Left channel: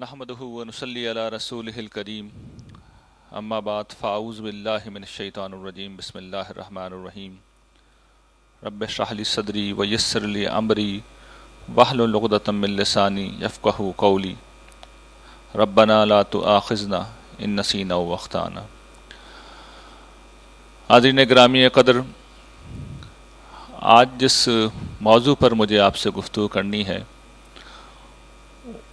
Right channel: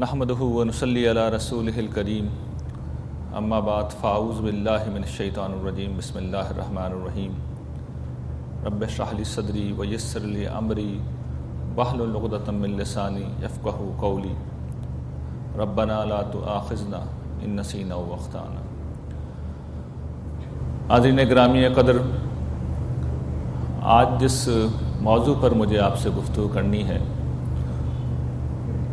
نحمدہ ونصلی علی رسولہ الکریم اما بعد فاعوذ باللہ من الشیطان الرجیم بسم اللہ الرحمن الرحیم رب اشرح لی صدری ویسر لی امری واحلل عقدۃ من لسانی یفقہوا قولی ربنا لا تؤاخذنا ان نسینا و اخطانا۔ حاضرین گرامی قدر، آج جس موضوع پر مجھے آپ سے گفتگو کرنی ہے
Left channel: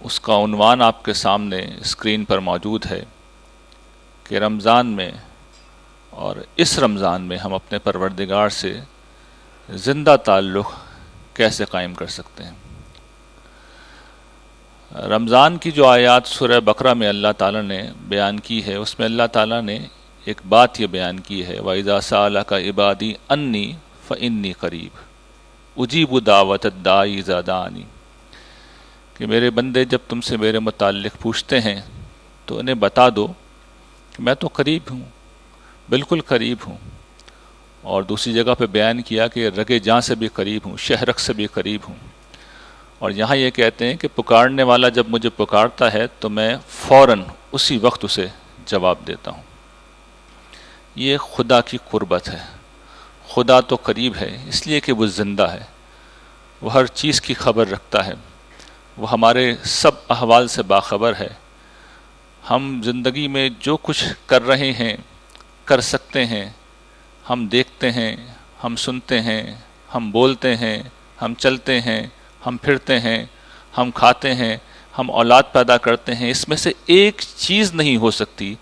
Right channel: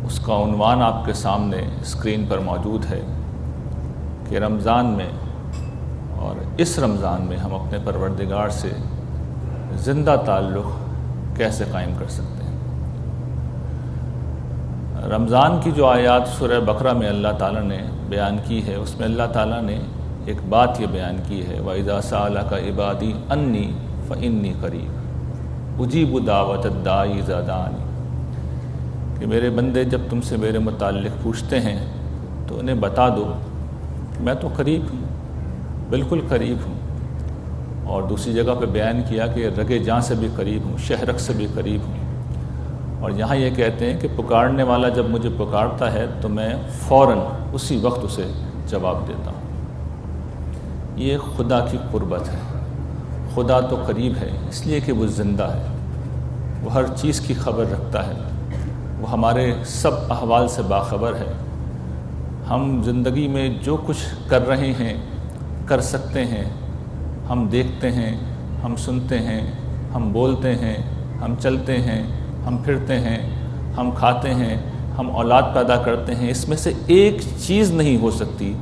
اس کا عنوان آپ کے سامنے اسکرین پر موجود ہے کہ رمضان میں اور اس رمضان میں ہم اپنے پروردگار سے زندہ تعلق کیسے قائم کر سکتے ہیں۔ رمضان کی جو آیات سورہ بقرہ میں اللہ تعالیٰ نے بیان کی ہے، اس میں اللہ تعالیٰ نے ایک بات یہ بیان کی ہے وَإِذَا سَأَلَكَ عِبَادِي أَنِّي فَإِنِّي قَرِيبٌ أُجِيبُ دَعْوَةَ الدَّاعِ إِذَا دَعَانِ، کہ میرے بندے جب تم سے میرے متعلق پوچھتے ہیں تو انہیں بتا دو کہ میں تو قریب ہوں، بالکل قریب ہوں۔ اور دوسری جگہ پہ بیان کیا کہ رگ جاں سے بھی قریب ہوں، شہرک سے بھی قریب ہوں۔ اور یہاں یہ کہتے ہیں کہ پکارنے والا جب مجھے پکارتا ہے تو میں فوراً اسی وقت اسے جواب دیتا ہوں۔ یہ خدا کی قربت ہے۔ خدا تو قریب ہے اس لیے کہ وہ زندہ ہے، وہ ہر چیز کی خبر رکھتا ہے، وہ ہمارے سب احوال سے باخبر ہے۔ ہم زندگی میں جو کچھ کر رہے ہیں، کر سکتے ہیں، ہم دیکھتے ہیں، ہم سنتے ہیں، ہم بولتے ہیں، ہم چلتے ہیں، ہم پھرتے ہیں، ہم کھاتے ہیں، ہم اولاد پیدا کرتے ہیں، اس میں سے ایک چیز نہیں ہو سکتی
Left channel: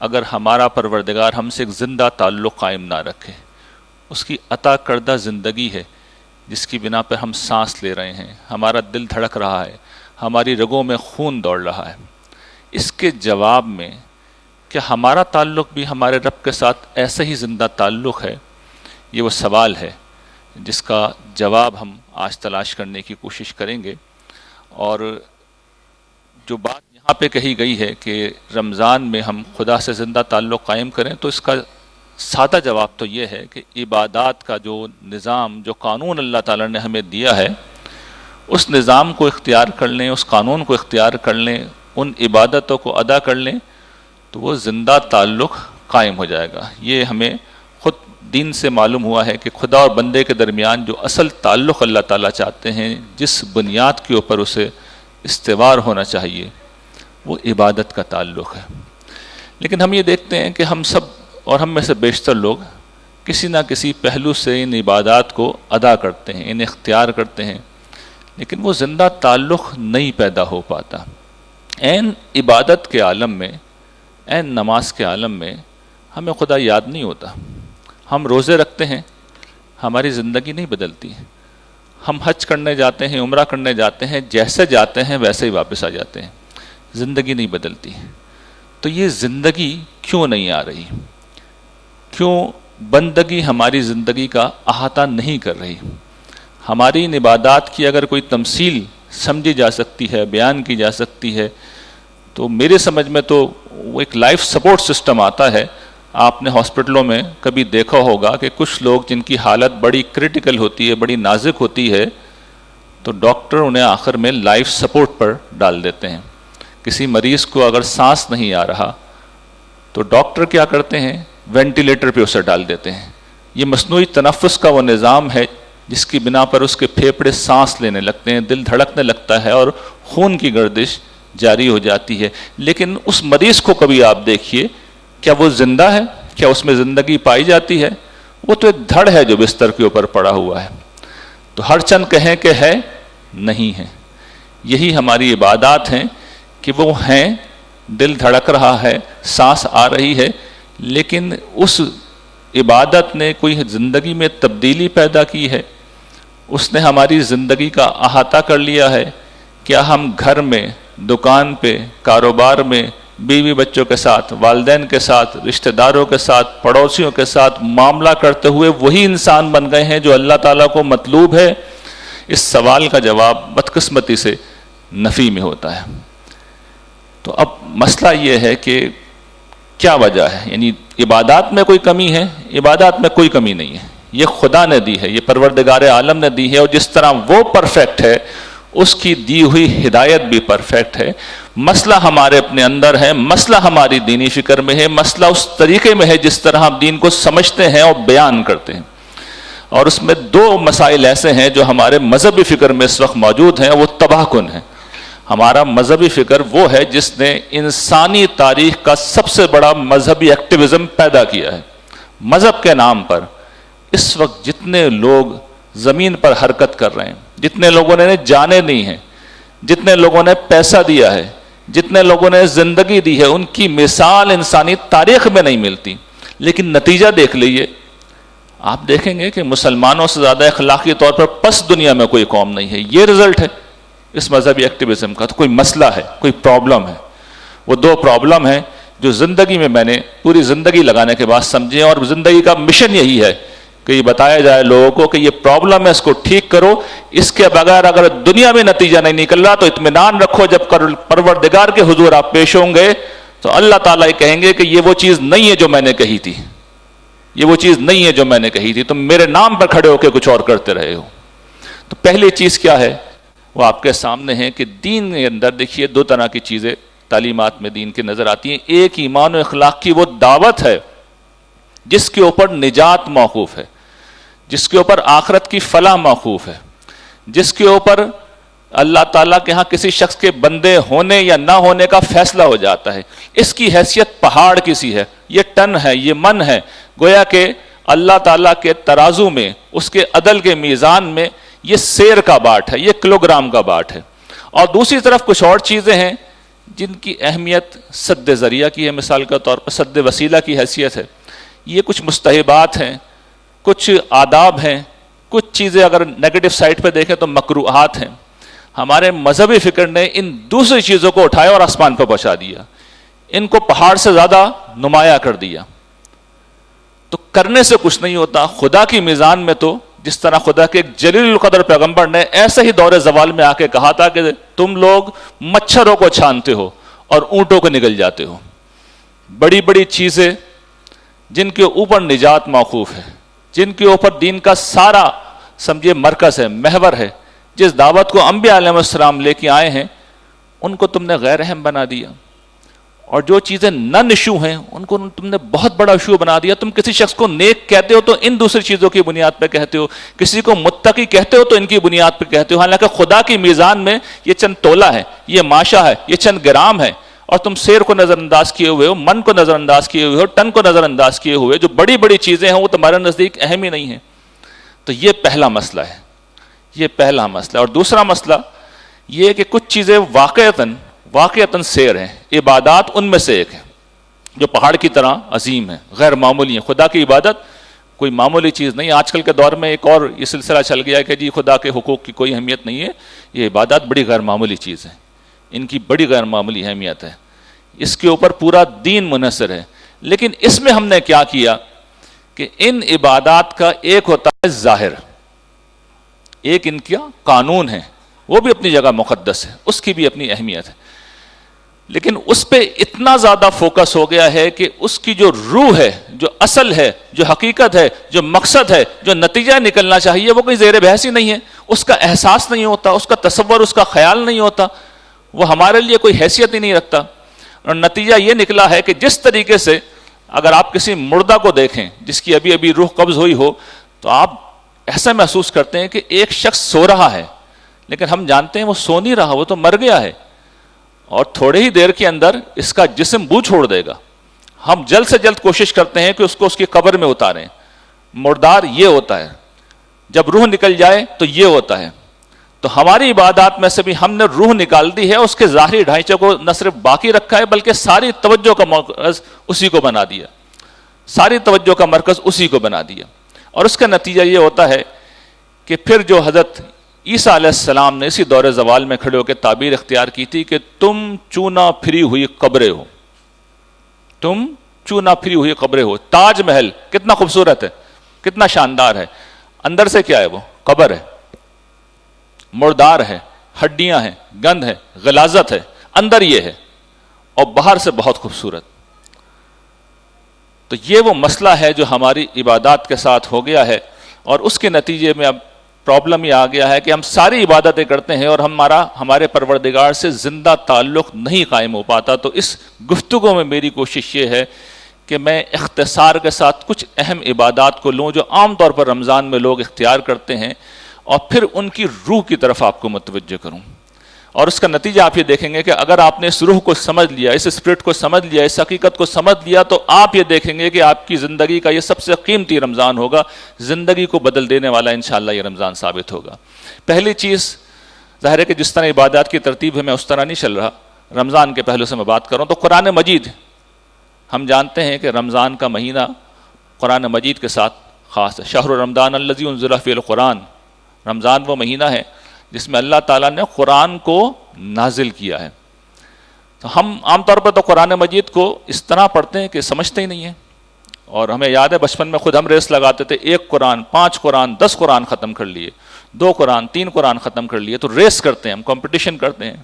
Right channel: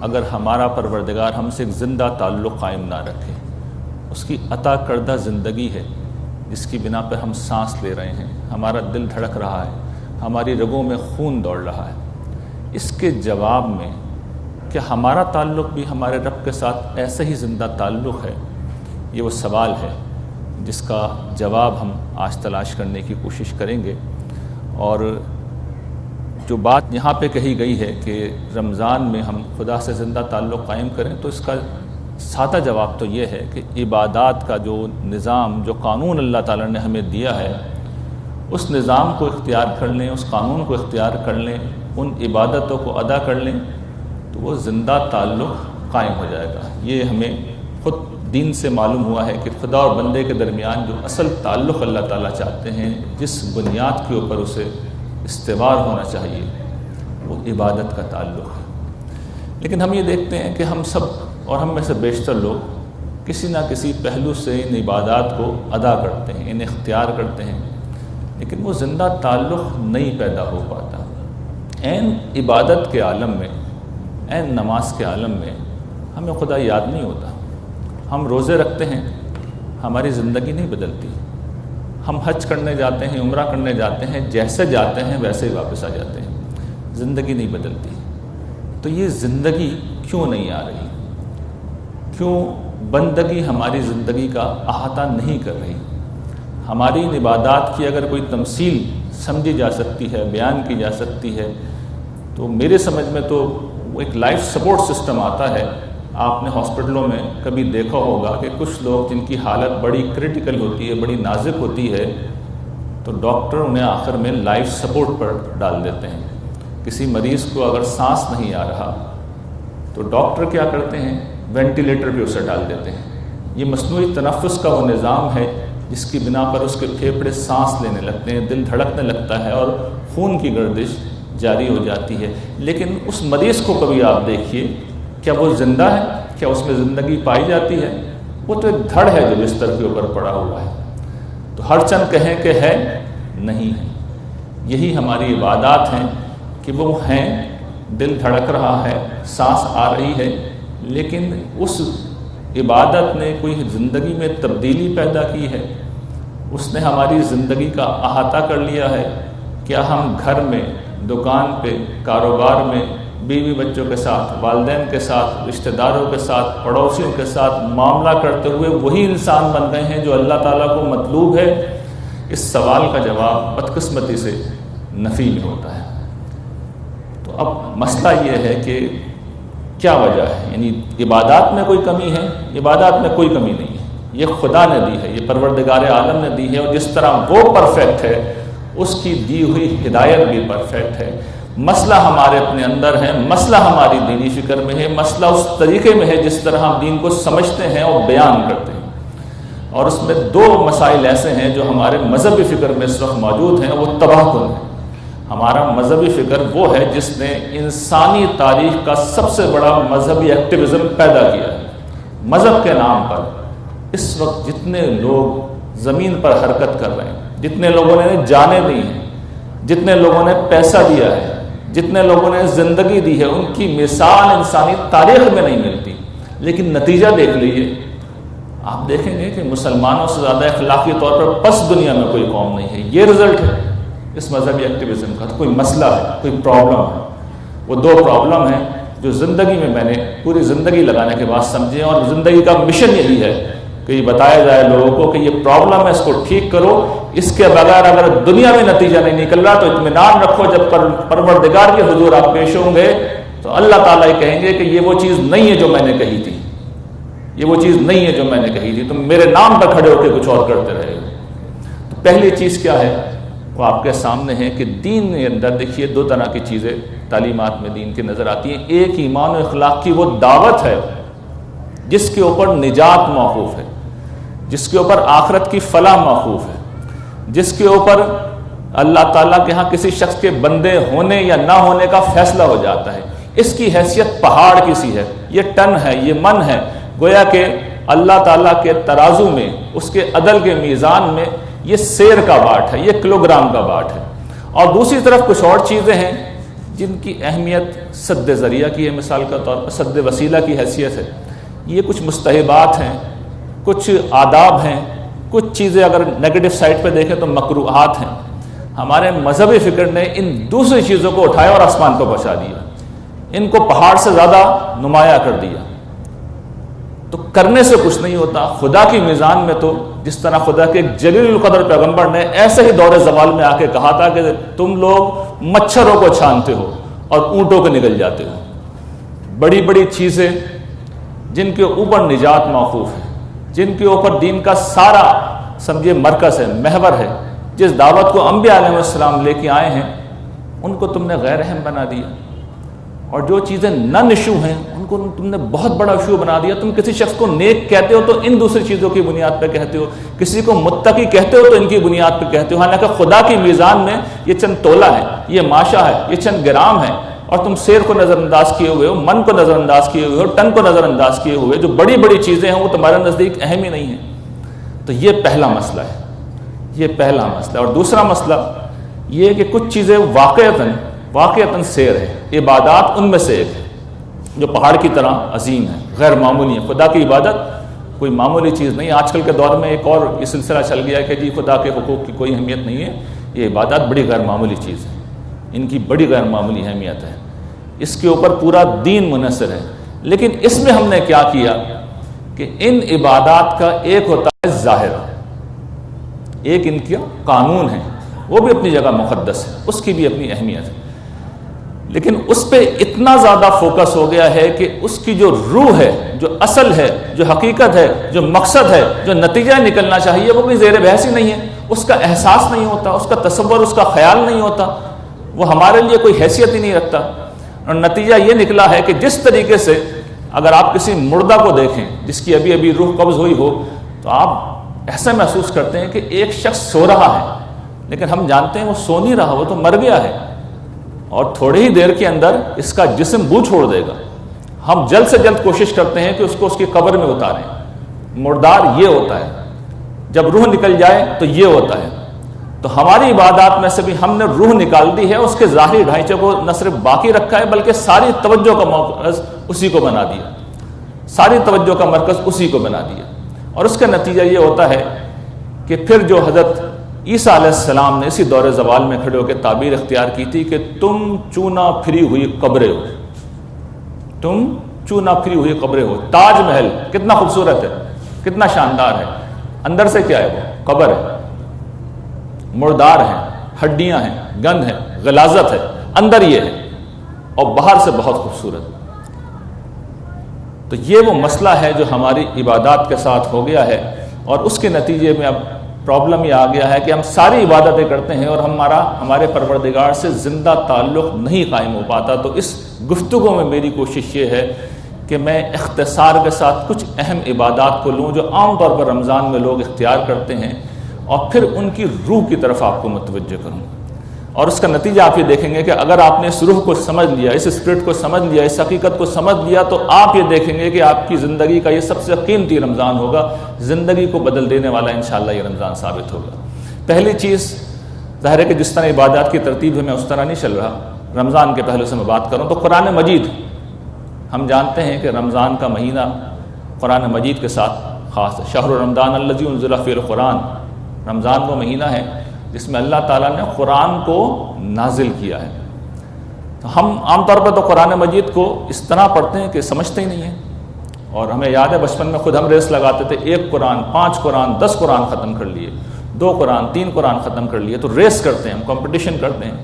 اگر ہمارا پروردگار ہم سے ایک زندہ تعلق قائم نہ رکھے۔ اس کی عطا کردہ زندگی ہے جس کی بنا پر ہم سانس لے رہے ہیں، ہمارا دل دھڑک رہا ہے، ہماری رگوں میں خون دوڑ رہا ہے۔ اس کے جواب میں کہ ہمارا تعلق بھی ہمارے رب کے ساتھ ایسا ہی زندہ تعلق ہے، یہ وہ سوال ہے جس کا جواب ہم آج تلاش کرنے کی کوشش کریں گے۔ اور جو بات یہاں پہ کہی گئی ہے کہ رمضان میں ہم خدا سے زندہ تعلق قائم کریں، تو اس کا سادہ جواب تو یہ ہے کہ عبادات کا جو نظام، جو قانون اللہ تعالیٰ نے ہمیں دیا ہے، اس نظام کو اختیار کر لیں، اس قانون کو اختیار کر لیں، ان عبادتوں کو ادا کر لیں تو وہ زندہ تعلق قائم ہو جائے گا۔ یہ ہمیں خود دین سے معلوم ہوا ہے کہ خدا اور بندے کے درمیان جو اصل تعلق اللہ تعالیٰ چاہتے ہیں، جس بنیاد کے اوپر اسے استوار ہونا چاہیے، وہ عبادت کا تعلق ہے۔ لیکن ہم یہ دیکھتے ہیں کہ ہم سب اور ہم میں سے بیشتر لوگ کسی نہ کسی پہلو سے ان عبادات کو ادا کرتے ہیں، انہیں اختیار کرتے ہیں، لیکن وہ زندہ تعلق نہیں پیدا ہو پاتا۔ عین عبادت کے عالم میں، عین نماز کے عالم میں ہمیں خدا یاد نہیں ہوتا۔ ہم روزے رکھتے ہیں، ہماری زندگی نہیں بدلتی۔ ہم حج کرنے جاتے ہیں، عمرہ کرنے جاتے ہیں، جیسے جاتے ہیں ویسے ہی واپس آ جاتے ہیں، زندگی نہیں بدلتی۔ تو یہ زندگی کیوں نہیں آ رہی؟ کیوں بندگی ہماری زندگی کا احاطہ نہیں کر رہی؟ ہماری ان عبادات کی اگر کوئی تمثیل سمجھی جا سکتی ہے، بیان کی جا سکتی ہے، تو میرے سمجھ میں تو وہ ایک لائف سپورٹ سسٹم آتا ہے۔ آپ نے ہاسپٹلوں میں کبھی دیکھا ہوگا کہ کچھ لوگ جن کی حالت بڑی کریٹیکل ہوتی ہے، بڑی نازک ہوتی ہے، تو ڈاکٹر انہیں آخر میں لائف سپورٹ پر ڈال دیتے ہیں۔ کسی مریض کو اگر سانس نہیں آ رہا تو ڈاکٹر کیا کرتے ہیں؟ وینٹیلیٹر پہ اسے ڈال دیتے ہیں۔ یہ مصنوعی تنفس کا وہ نظام ہے جس کی بنا پر اس کے پھیپھڑے سانس لینے لگتے ہیں، دل دھڑکنے لگتا ہے اور خون کی گردش جاری ہو جاتی ہے۔ لیکن اس مریض کو کبھی آپ دیکھیے، کیا وہ زندہ ہے؟ کیا اس میں زندگی پائی جاتی ہے؟ وہ تو ایک دھڑ ہے جو بستر کے اوپر پڑا ہوا ہے۔ تو ہر چند کہیں کہ ہے، نہیں ہے۔ یہی ہماری عبادات ہیں کہ وہ ہیں، دل دھڑک رہا ہے، سانس آ رہی ہے، لیکن اس عبادت نے کوئی زندگی میں تبدیلی پیدا کی ہے؟ اس نے ہماری زندگی کا احاطہ کر لیا ہے؟ کیا ہم گھر میں، دکان پہ، کاروبار میں، بیوی بچوں کے ساتھ، والدین کے ساتھ، رشتہ داروں کے ساتھ، پڑوسیوں کے ساتھ معاملہ کرتے ہوئے وہی انسان بن گئے ہیں جو اللہ تعالیٰ کو مطلوب ہے؟ اس سوال کا جواب بدقسمتی سے نفی میں ہوتا ہے۔ تو اب مسئلہ یہ ہے کہ کیا وجہ ہے؟ یعنی عبادات میں کوئی کمی ہے؟ عبادات میں کوئی کمی نہیں ہے، یہ خدا نے دی ہے، یہ پروردگار عالم نے دی ہے، اور جس طرح وہ پرفیکٹ ہے اس کی دی ہوئی ہدایت بھی پرفیکٹ ہے۔ مسئلہ ہمارے اپنے اندر ہے، مسئلہ ہماری دینی فکر میں ہے، مسئلہ اس طریقے میں ہے جس طرح ہم دین کو سمجھتے ہیں اور بیان کرتے ہیں۔ اور اس میں دو مسائل ایسے ہیں جو ہمارے مذہبی فکر میں اس وقت موجود ہیں، وہ تباہ کن ہیں۔ ہمارا مذہبی فکر وہ ہے جس نے انسانی تاریخ کا سب سے بڑا مذہبی ایکٹیویزم پیدا کیا ہے۔ مذہب کے نام پر اس وقت جتنے لوگ زمین پر حرکت کر رہے ہیں، جتنے لوگوں نے جانیں دی ہیں، جتنے لوگوں نے پیسہ دیا ہے، جتنے لوگوں نے زندگی دی ہے، ان کی مثال انسانی تاریخ میں نہیں ملتی۔ لیکن نتیجہ دیکھ لیجئے، آپ دیکھیں گے کہ مسلمانوں سے زیادہ اخلاقی طور پر پس دنیا میں کوئی قوم نہیں ہے۔ یہ رزلٹ ہے اس مذہبی ایکٹیویزم کا۔ تو کوئی مسئلہ ہے، کوئی پرابلم ہے۔ وہ دو پرابلم ہیں جو زندگی میں نے پوری زندگی لگانے کے بعد سمجھے، اور زندگی کا مشن یہی ہے کہ یہ بتایا جائے لوگوں کو کہ یہ پرابلم ہے، اس کو ٹھیک کرو۔ اس کے بغیر اگر دنیا میں نتیجہ نہیں نکل رہا تو اطمینان رکھو، جب پروردگار کے حضور آپ پیش ہوں گے تو اللہ تعالیٰ یہ کہیں گے کہ یہ وہ چیز نہیں ہے جو میں نے کہی تھی، یہ وہ چیز نہیں ہے جو میں نے کہی تھی، تم میرے نام پر کھڑے ہو کے کچھ اور کرتے رہے ہو۔ تو پہلی چیز کیا ہے وہ آپ کے سامنے ہے کہ دین کے اندر دیکھیے دو طرح کی چیزیں تعلیمات میں دین کی نظر آتی ہیں۔ ایک ایمان و اخلاق کی وہ دعوت ہے جس کے اوپر نجات موقوف ہے، جس کے اوپر آخرت کی فلاح موقوف ہے، جس کے اوپر اللہ تعالیٰ کے ہاں کسی شخص کے بندے ہونے یا نہ ہونے کا فیصلہ ہو جاتا ہے۔ اس کی حیثیت پہاڑ کی سی ہے، یہ ٹن ہے، یہ من ہے، گویا کہ اللہ تعالیٰ کے ترازو میں، اس کے عدل کے میزان میں یہ سیر کا باٹ ہے، یہ کلوگرام کا باٹ ہے۔ اور دوسری طرف کچھ اور چیزیں ہیں جن کی اہمیت سد ذریعہ کی ہے، مثال کے طور پر سد وسیلہ کی حیثیت ہے۔ یہ کچھ مستحبات ہیں، کچھ آداب ہیں، کچھ چیزیں اگر نیگیٹو سائٹ پہ دیکھیں تو مکروہات ہیں۔ ہمارے مذہبی فکر نے ان دوسری چیزوں کو اٹھایا اور آسمان کو پہنچا دیا، ان کو پہاڑ سے زیادہ نمایاں کر دیا۔ تو کرنے سے کچھ نہیں ہوتا۔ خدا کی میزان میں تو جس طرح خدا کے ایک جلیل القدر پیغمبر نے ایسے ہی دور زوال میں آ کے کہا تھا کہ تم لوگ مچھروں کو چھانتے ہو اور اونٹوں کو نگل جاتے ہو۔ بڑی بڑی چیزیں جن کے اوپر نجات موقوف ہے، جن کے اوپر دین کا سارا سمجھے مرکز ہے، محور ہے، جس دعوت کو انبیاء علیہ السلام لے کے آئے ہیں، ان کو تم نے غیر اہم بنا دیا۔ اور جو چیزیں نن ایشو ہیں ان کو تم نے بہت بڑا ایشو بنا دیا۔ تم کسی شخص کو نیک کہتے ہو تو ان دوسری چیزوں کی بنیاد پہ کہتے ہو، کسی کو متقی کہتے ہو تو ان کی بنیاد پہ کہتے ہو، حالانکہ خدا کی میزان میں یہ چند تولہ ہے، یہ ماشا ہے، یہ چند گرام ہے، اور تم سیر کو نظر انداز کیے ہوئے ہو، من کو نظر انداز کیے ہوئے ہو، ٹن کو نظر انداز کیے ہوئے، جو بڑی بڑی چیزیں ہیں وہ تمہارے نزدیک اہم ہی نہیں ہیں۔ تو یہ پہلا مسئلہ ہے، یہ پہلا مسئلہ۔ اور دوسرا مسئلہ یہ ہے کہ کچھ چیزیں واقعتاً سیر ہیں، عبادات ان میں سے ایک ہے جو پہاڑ کی طرح عظیم ہے، غیر معمولی ہے۔ خدا کی عبادت کوئی معمولی چیز نہیں۔ آج کل کے دور میں ایک اور یہ سلسلہ چل گیا ہے کہ جی خدا کے حقوق کی کوئی اہمیت نہیں ہے، یہ عبادات بڑی غیر معمولی چیز ہے، ان کی بڑی غیر معمولی اہمیت ہے، اس کے اوپر پورا دین منحصر ہے۔ لیکن اس میں ہم نے کیا کیا کہ ان عبادات کا ایک ہوتا ہے ظاہر، ایک ان کا قانون ہے، وہ بھی اپنی جگہ مقدس ہے، اس کی بھی اپنی اہمیت ہے، لیکن اس پہ اتنا زیادہ فوکس ہو گیا ہے کہ اس کی جو روح ہے، جو اصل ہے، جو حقیقت ہے، جو مقصد ہے، جو نتیجہ نکلنا چاہیے، وہ کوئی زیر بحث ہی نہیں ہے، اس کا احساس نہیں ہوتا، اس کا تصور، اس کا خیال نہیں ہوتا، وہ ہمارے لیے کوئی حیثیت ہی نہیں رکھتا۔ اور نتیجہ یہ نکلا ہے کہ جس طریقے سے اگر آپ کسی مردہ کو دیکھیں جس کی ابھی ابھی روح قبض ہوئی ہو تو آپ ایسا محسوس کرتے ہیں کہ ایک شخص سو رہا ہے، لیکن ہم جانتے ہیں وہ سو نہیں رہا، وہ تو مر گیا ہے، اور تھوڑے ہی دیر کے اندر اس کا جسم بو چھوڑ دے گا۔ ہم جلد سے جلد کوشش کرتے ہیں کہ اس کو اس کی قبر میں اتاریں۔ مردار یہ ہوتا ہے، جب روح نکل جائے تو یہ ہوتا ہے۔ تو ہماری عبادات میں سے بھی ہم نے روح نکال دی ہے، اس کے ظاہری ڈھانچے کو نہ صرف باقی رکھا ہے بلکہ ساری توجہ کا مرکز اسی کو بنا دیا، ساری توجہ کا مرکز اسی کو بنا دیا۔ اور اس کا نتیجہ یہ ہوتا ہے کہ پھر جو حضرت عیسیٰ علیہ السلام نے اسی دور زوال میں کھڑے ہو کے تعبیر اختیار کی تھی کہ تم چونا پھری ہوئی قبریں ہو، تم چونا پھری ہوئی قبریں ہو۔ تاج محل کتنا خوبصورت ہے، کتنا شاندار ہے، اندر سے کیا ہے؟ وہ قبر ہے، مردار ہے، ہڈیاں ہیں، گند ہے، غلاظت ہے، اندر یہ ہے، اور باہر سے بہت خوبصورت۔ تو یہ وہ مسئلہ ہے جو ہماری عبادات کے ساتھ ہو گیا ہے، اور اس کے نتیجے میں اب پرابلم یہ آ گیا ہے کہ ہم ساری عبادتیں کرتے ہیں اور ہمارے پروردگار سے زندہ تعلق نہیں قائم ہو پاتا. تو اس گفتگو میں میری کوشش یہ ہے کہ میں اختصار کے ساتھ کچھ اہم عبادات کو لوں جو عام طور پر رمضان میں لوگ اختیار کرتے ہیں اور پھر ان کی روح کی طرف آپ کو متوجہ کروں. اور اس کا نتیجہ آپ یہ دیکھیں گے کہ اگر آپ نے اس روح کو سمجھ لیا, اس اسپرٹ کو سمجھ لیا, اس حقیقت کو سمجھ لیا, تو آپ یہ دیکھیں گے کہ آپ کی زندگی کا یہ سب سے قیمتی رمضان ہوگا, زندگی کو بدل دینے والا انشاءاللہ یہ رمضان ثابت ہوگا. پہلی چیز ظاہر ہے کہ جس طرح عبادات کی ترتیب ہے میں اس طرح نہیں چل رہا, رمضان کے پہلو سے میں بات کروں تو قرآن مجید, ہم جانتے ہیں کہ رمضان کا مہینہ قرآن مجید کے ساتھ خاص ہے. شہر رمضان الذی انزل فیہ القرآن, رمضان وہ مہینہ ہے جس میں اللہ تعالیٰ نے قرآن کو نازل کیا ہے. تو ہم عام طور پر تو قرآن مجید کو اس طرح پڑھتے ہیں کہ سمجھتے ہی نہیں ہیں, اور ہمیں یاد ہے بچپن میں خود ہم ریس لگاتے تھے, 1 قرآن 5 قرآن 10 قرآن ختم کر لیے, 2 قرآن 3 قرآن ختم کر لیے. تو ریس کرتے ہیں ہم, کمپٹیشن کرتے ہیں,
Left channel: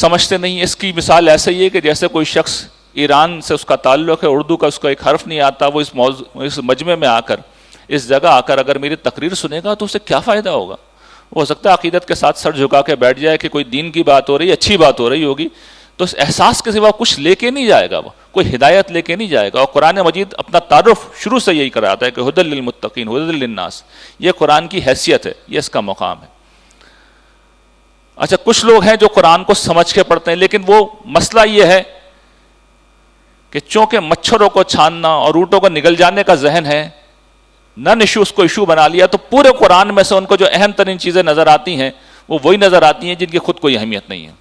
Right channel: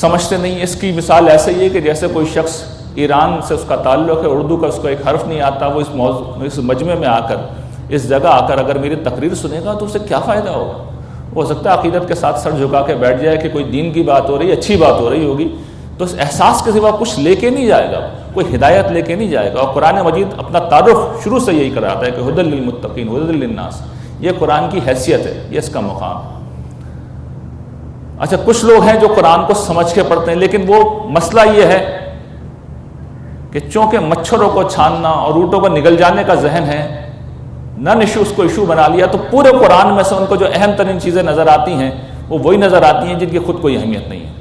سمجھتے نہیں. اس کی مثال ایسے ہی ہے کہ جیسے کوئی شخص ایران سے اس کا تعلق ہے, اردو کا اس کو ایک حرف نہیں آتا, وہ اس مجمع میں آ کر, اس جگہ آ کر اگر میری تقریر سنے گا تو اسے کیا فائدہ ہوگا. وہ ہو سکتا ہے عقیدت کے ساتھ سر جھکا کے بیٹھ جائے کہ کوئی دین کی بات ہو رہی ہے, اچھی بات ہو رہی ہوگی, تو اس احساس کے سوا کچھ لے کے نہیں جائے گا, کوئی ہدایت لے کے نہیں جائے گا. اور قرآن مجید اپنا تعارف شروع سے یہی کراتا ہے کہ ھدی للمتقین ھدی للناس, یہ قرآن کی حیثیت ہے, یہ اس کا مقام ہے. اچھا, کچھ لوگ ہیں جو قرآن کو سمجھ کے پڑھتے ہیں, لیکن وہ مسئلہ یہ ہے کہ چونکہ مچھروں کو چھاننا اور روٹوں کو نگل جانے کا ذہن ہے, نن ایشو اس کو ایشو بنا لیا, تو پورے قرآن میں سے ان کو جو اہم ترین چیزیں نظر آتی ہیں وہ وہی نظر آتی ہیں جن کی خود کوئی اہمیت نہیں ہے,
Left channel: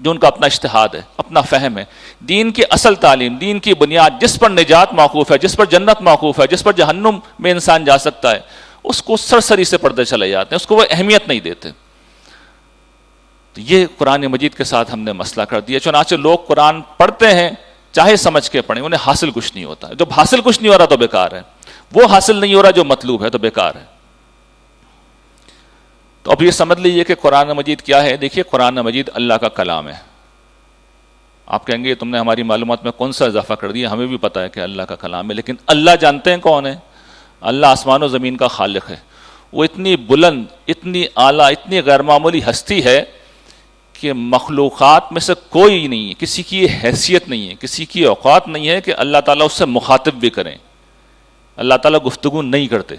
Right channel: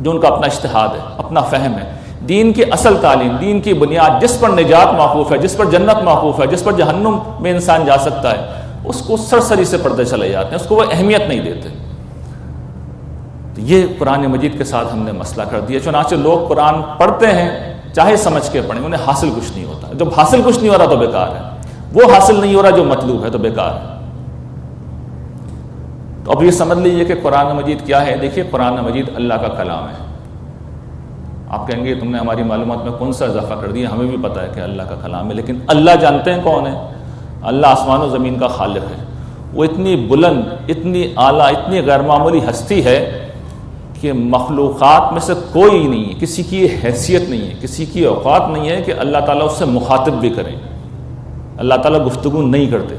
جو ان کا اپنا اجتہاد ہے, اپنا فہم ہے. دین کی اصل تعلیم, دین کی بنیاد, جس پر نجات موقوف ہے, جس پر جنت موقوف ہے, جس پر جہنم میں انسان جا سکتا ہے, اس کو سرسری سے پردے چلے جاتے ہیں, اس کو وہ اہمیت نہیں دیتے. تو یہ قرآن مجید کے ساتھ ہم نے مسئلہ کر دیا. چنانچہ لوگ قرآن پڑھتے ہیں, چاہے سمجھ کے پڑھیں, انہیں حاصل کچھ نہیں ہوتا. جب حاصل کچھ نہیں ہو رہا تو بیکار ہے, وہ حاصل نہیں ہو رہا جو مطلوب ہے تو بیکار ہے. تو اب یہ سمجھ لیجئے کہ قرآن مجید کیا ہے. دیکھیے, قرآن مجید اللہ کا کلام ہے. آپ کہیں گے تم نے ہماری معلومات میں کون سا اضافہ کر دیا, ہمیں بھی پتہ ہے کہ اللہ کا کلام ہے, لیکن اللہ جانتے ہیں کون ہے. اللہ آسمان و زمین کا خالق ہے. وہ اتنی بلند, اتنی اعلیٰ, اتنی غیر معمولی ہستی ہے کہ مخلوقات میں سے کوئی نہیں ہے, کسی کی حیثیت نہیں ہے, کسی کی اوقات نہیں ہے کہ اللہ تعالیٰ اس سے مخاطب بھی کریں. اللہ تعالیٰ گفتگو نہیں کرتے.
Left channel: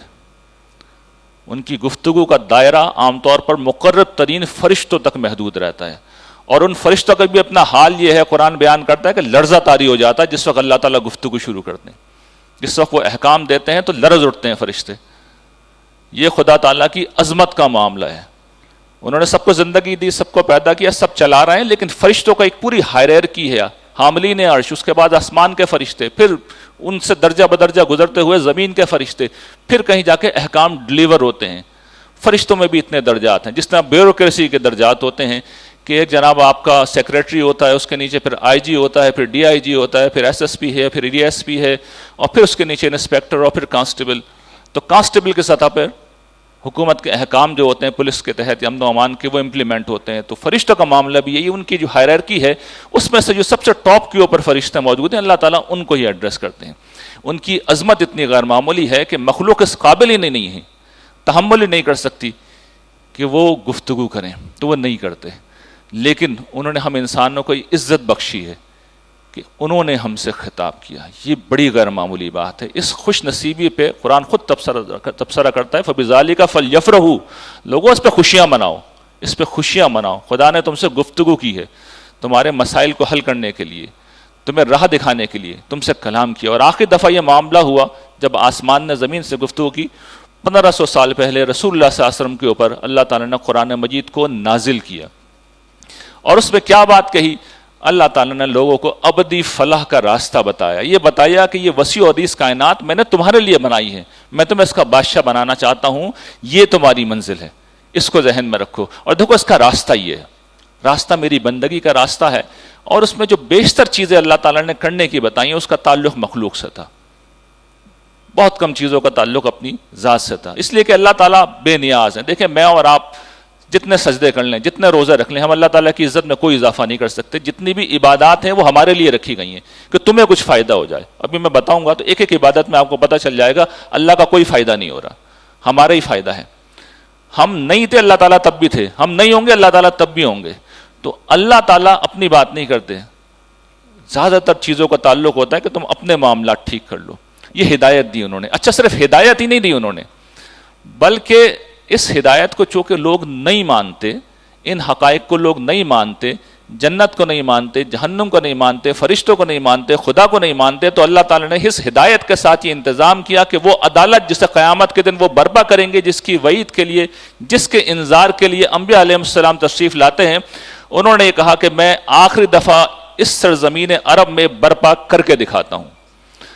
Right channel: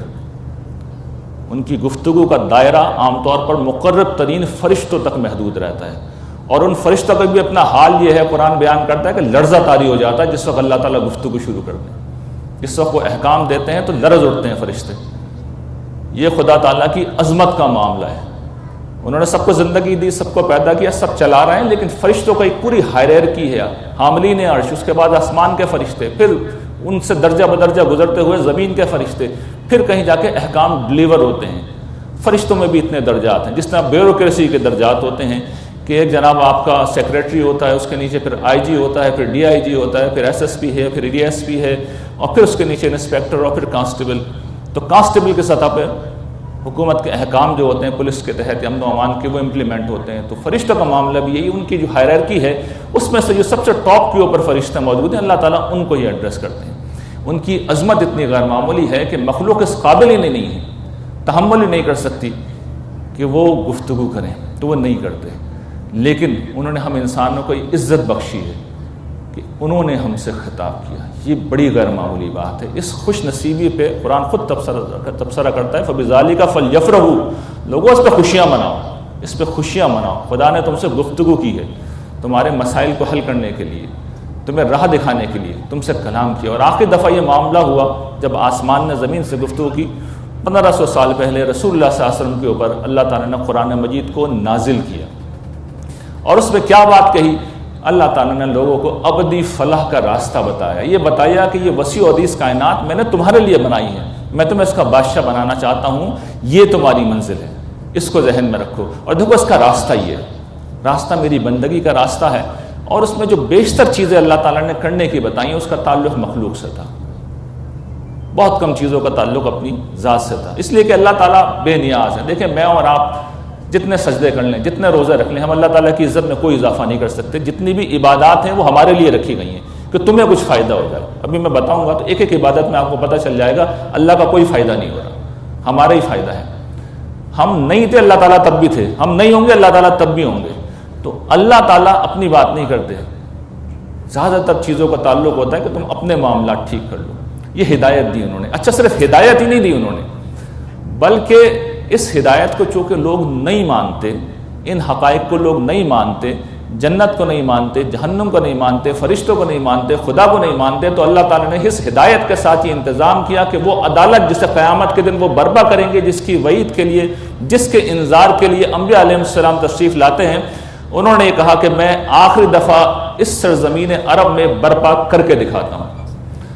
ان کی گفتگو کا دائرہ عام طور پر مقرب ترین فرشتوں تک محدود رہتا ہے, اور ان فرشتوں کا بھی اپنا حال یہ ہے, قرآن بیان کرتا ہے کہ لرزہ طاری ہو جاتا ہے جس وقت اللہ تعالیٰ گفتگو شروع کرتے ہیں. جس وقت وہ احکام دیتے ہیں تو لرز اٹھتے ہیں فرشتے. یہ خدا تعالیٰ کی عظمت کا معاملہ ہے. انہوں نے سب کو زندگی دی, سب کو پیدا کیا, سب چلا رہے ہیں, لیکن فرشتوں کا ایک پوری ہائرارکی ہے. حاملین عرش, اس کے بعد آسمان کے فرشتے, پھر ان سے درجہ بدرجہ گزرتے ہوئے زمین کے فرشتے, پھر کہیں جا کے احکام ڈلیور ہوتے ہیں. فرشتوں میں بھی اتنے درجات ہیں, جس طرح بیوروکریسی کے درجات ہوتے ہیں کہ ایک جناب آپ کا سیکریٹری ہوتا ہے, اس کے نیچے پھر آئی جی ہوتا ہے, پھر ڈی آئی جی ہوتا ہے, پھر ایس ایس پی ہے, پھر ڈی ایس پی ہے, اور پھر اس کے نیچے انسپیکٹر, اور پھر کانسٹیبل. تو کانسٹیبل کی سطح پہ حکومت کے احکام جو ہوتے ہیں پولیس کے تحت امن و امان کے, وہ امپلیمنٹ ہوتے ہیں. تو فرشتوں کا معاملہ بھی یہی, ان کی جو ہائرارکی ہے اس میں سے جو سب سے ٹاپ کے اوپر فرشتے موجود ہیں, اللہ تعالیٰ ان کو ہی ایڈریس کرتے ہیں. ان کی عظمت اتنی غیر معمولی ہے کہ مخلوق اس قابل ہی نہیں ہے, تحمل ہی نہیں کر سکتی کہ وہ گفتگو کریں, تو وہ نہیں کرتے. لیکن انہوں نے ہم انسانوں کو عزت بخشی ہے کہ انہوں نے ہم سے خطاب کیا. یہ بڑی غیر معمولی بات ہے. اس خوش نصیبی پہ قرآن خود تبصرہ کرتا ہے, فَبِذَالِكَ فَلْيَفْرَحُوا, لوگوں اس پہ خوشیاں مناؤ, اس پہ خوشیاں مناؤ. خدا نے تم سے گفتگو کی ہے, تمہارے مسائل کو حل کرنے کے لیے, تمہیں راہ دکھانے کے لیے تم سے کلام کیا. اور آخری دفعہ یہ معاملہ ہوا جب آسمان نے زمین سے گفتگو کی, 1500 سال پہلے رسول اللہ صلی اللہ علیہ وسلم کے اوپر اللہ تعالیٰ نے قرآن مجید کو نازل کیا. اور اس میں کیا بات کہی؟ اللہ تعالیٰ نے لوگوں کو ابدی فلاح کا راستہ بتایا. یہ بتایا کہ یہ وسیع و عریض کائنات میں نے تمہارے لیے بنائی ہے, میں تمہیں اس کا بادشاہ بنانا چاہتا ہوں, یہ تمہاری منزل ہے, اس کو ذہن میں رکھو. اور دیکھو اس کا راستہ یہ ہے, راستہ میری بندگی کا راستہ ہے. اور اس میں جو بیشتر چیزیں اللہ تعالیٰ نے کرنے کی بتائیں, اس کا تعلق مخلوق سے تھا, بہت کم چیزوں کا تعلق اپنی ذات سے تھا. اس لیے کہ اللہ تعالیٰ بے نیاز ہے. دیکھیں, میں اور آپ جتنے سجدے کر لیں, جتنے روزے رکھ لیں, ہم اللہ تعالیٰ کی عزت میں کوئی اضافہ نہیں کر سکتے. جتنی بھی عبادات ہیں وہ ہمارے لیے رکھی گئی ہیں کہ تمہیں کچھ فائدہ ہو جائے. ابھی میں بتاؤں گا تو ایک ایک عبادت میں آپ کو پتہ چل جائے گا اللہ کا کوئی فائدہ نہیں ہو رہا. ہمارا ہی فائدہ ہے. ہم نہیں تھے اللہ تعالیٰ تب بھی تھے, ہم نہیں ہوں گے اللہ تعالیٰ تب بھی ہوں گے. تو اللہ تعالیٰ اپنی بات نہیں کرتے, زیادہ تر چیزوں کا تعلق ہوتا ہے کہ تم اپنے معاملات ٹھیک کر لو. یہ ہدایت دی انہوں نے. اچھا صرف ہدایت ہی نہیں دی انہوں نے, بلکہ اس ہدایت کو چونکہ لوگ نہیں مانتے, ان حقائق کو لوگ نہیں مانتے, جنت کو نہیں مانتے, جہنم کو نہیں مانتے, فرشتوں کو نہیں مانتے, خدا کو نہیں مانتے, تو اللہ تعالیٰ نے اس ہدایت کے ساتھ یہ انتظام کیا کہ وہ عدالت جسے قیامت کے دن وہ برپا کریں گے, جس کی وعید کے لیے, جس کے انذار کے لیے انبیاء علیہ السلام تشریف لاتے ہیں. انہوں نے یہ کہا کہ میں آخری دفعہ اس سرزمین عرب میں برپا کر کے دکھاتا ہوں,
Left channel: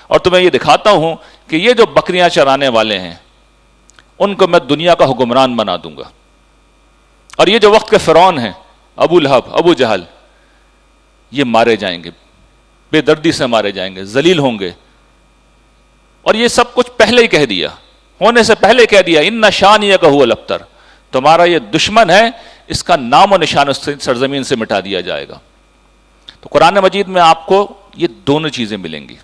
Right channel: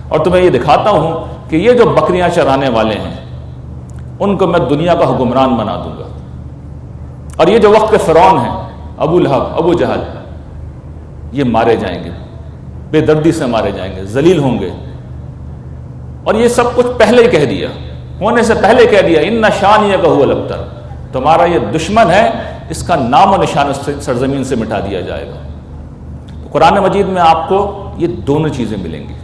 اور تمہیں یہ دکھاتا ہوں کہ یہ جو بکریاں چرانے والے ہیں ان کو میں دنیا کا حکمران بنا دوں گا. اور یہ جو وقت کے فرعون ہیں, ابو لہب, ابو جہل, یہ مارے جائیں گے, بے دردی سے مارے جائیں گے, ذلیل ہوں گے. اور یہ سب کچھ پہلے ہی کہہ دیا, ہونے سے پہلے کہہ دیا, ان شانیہ هو الابتر, تمہارا یہ دشمن ہے, اس کا نام و نشان اس سرزمین سے مٹا دیا جائے گا. تو قرآن مجید میں آپ کو یہ دونوں چیزیں ملیں گی.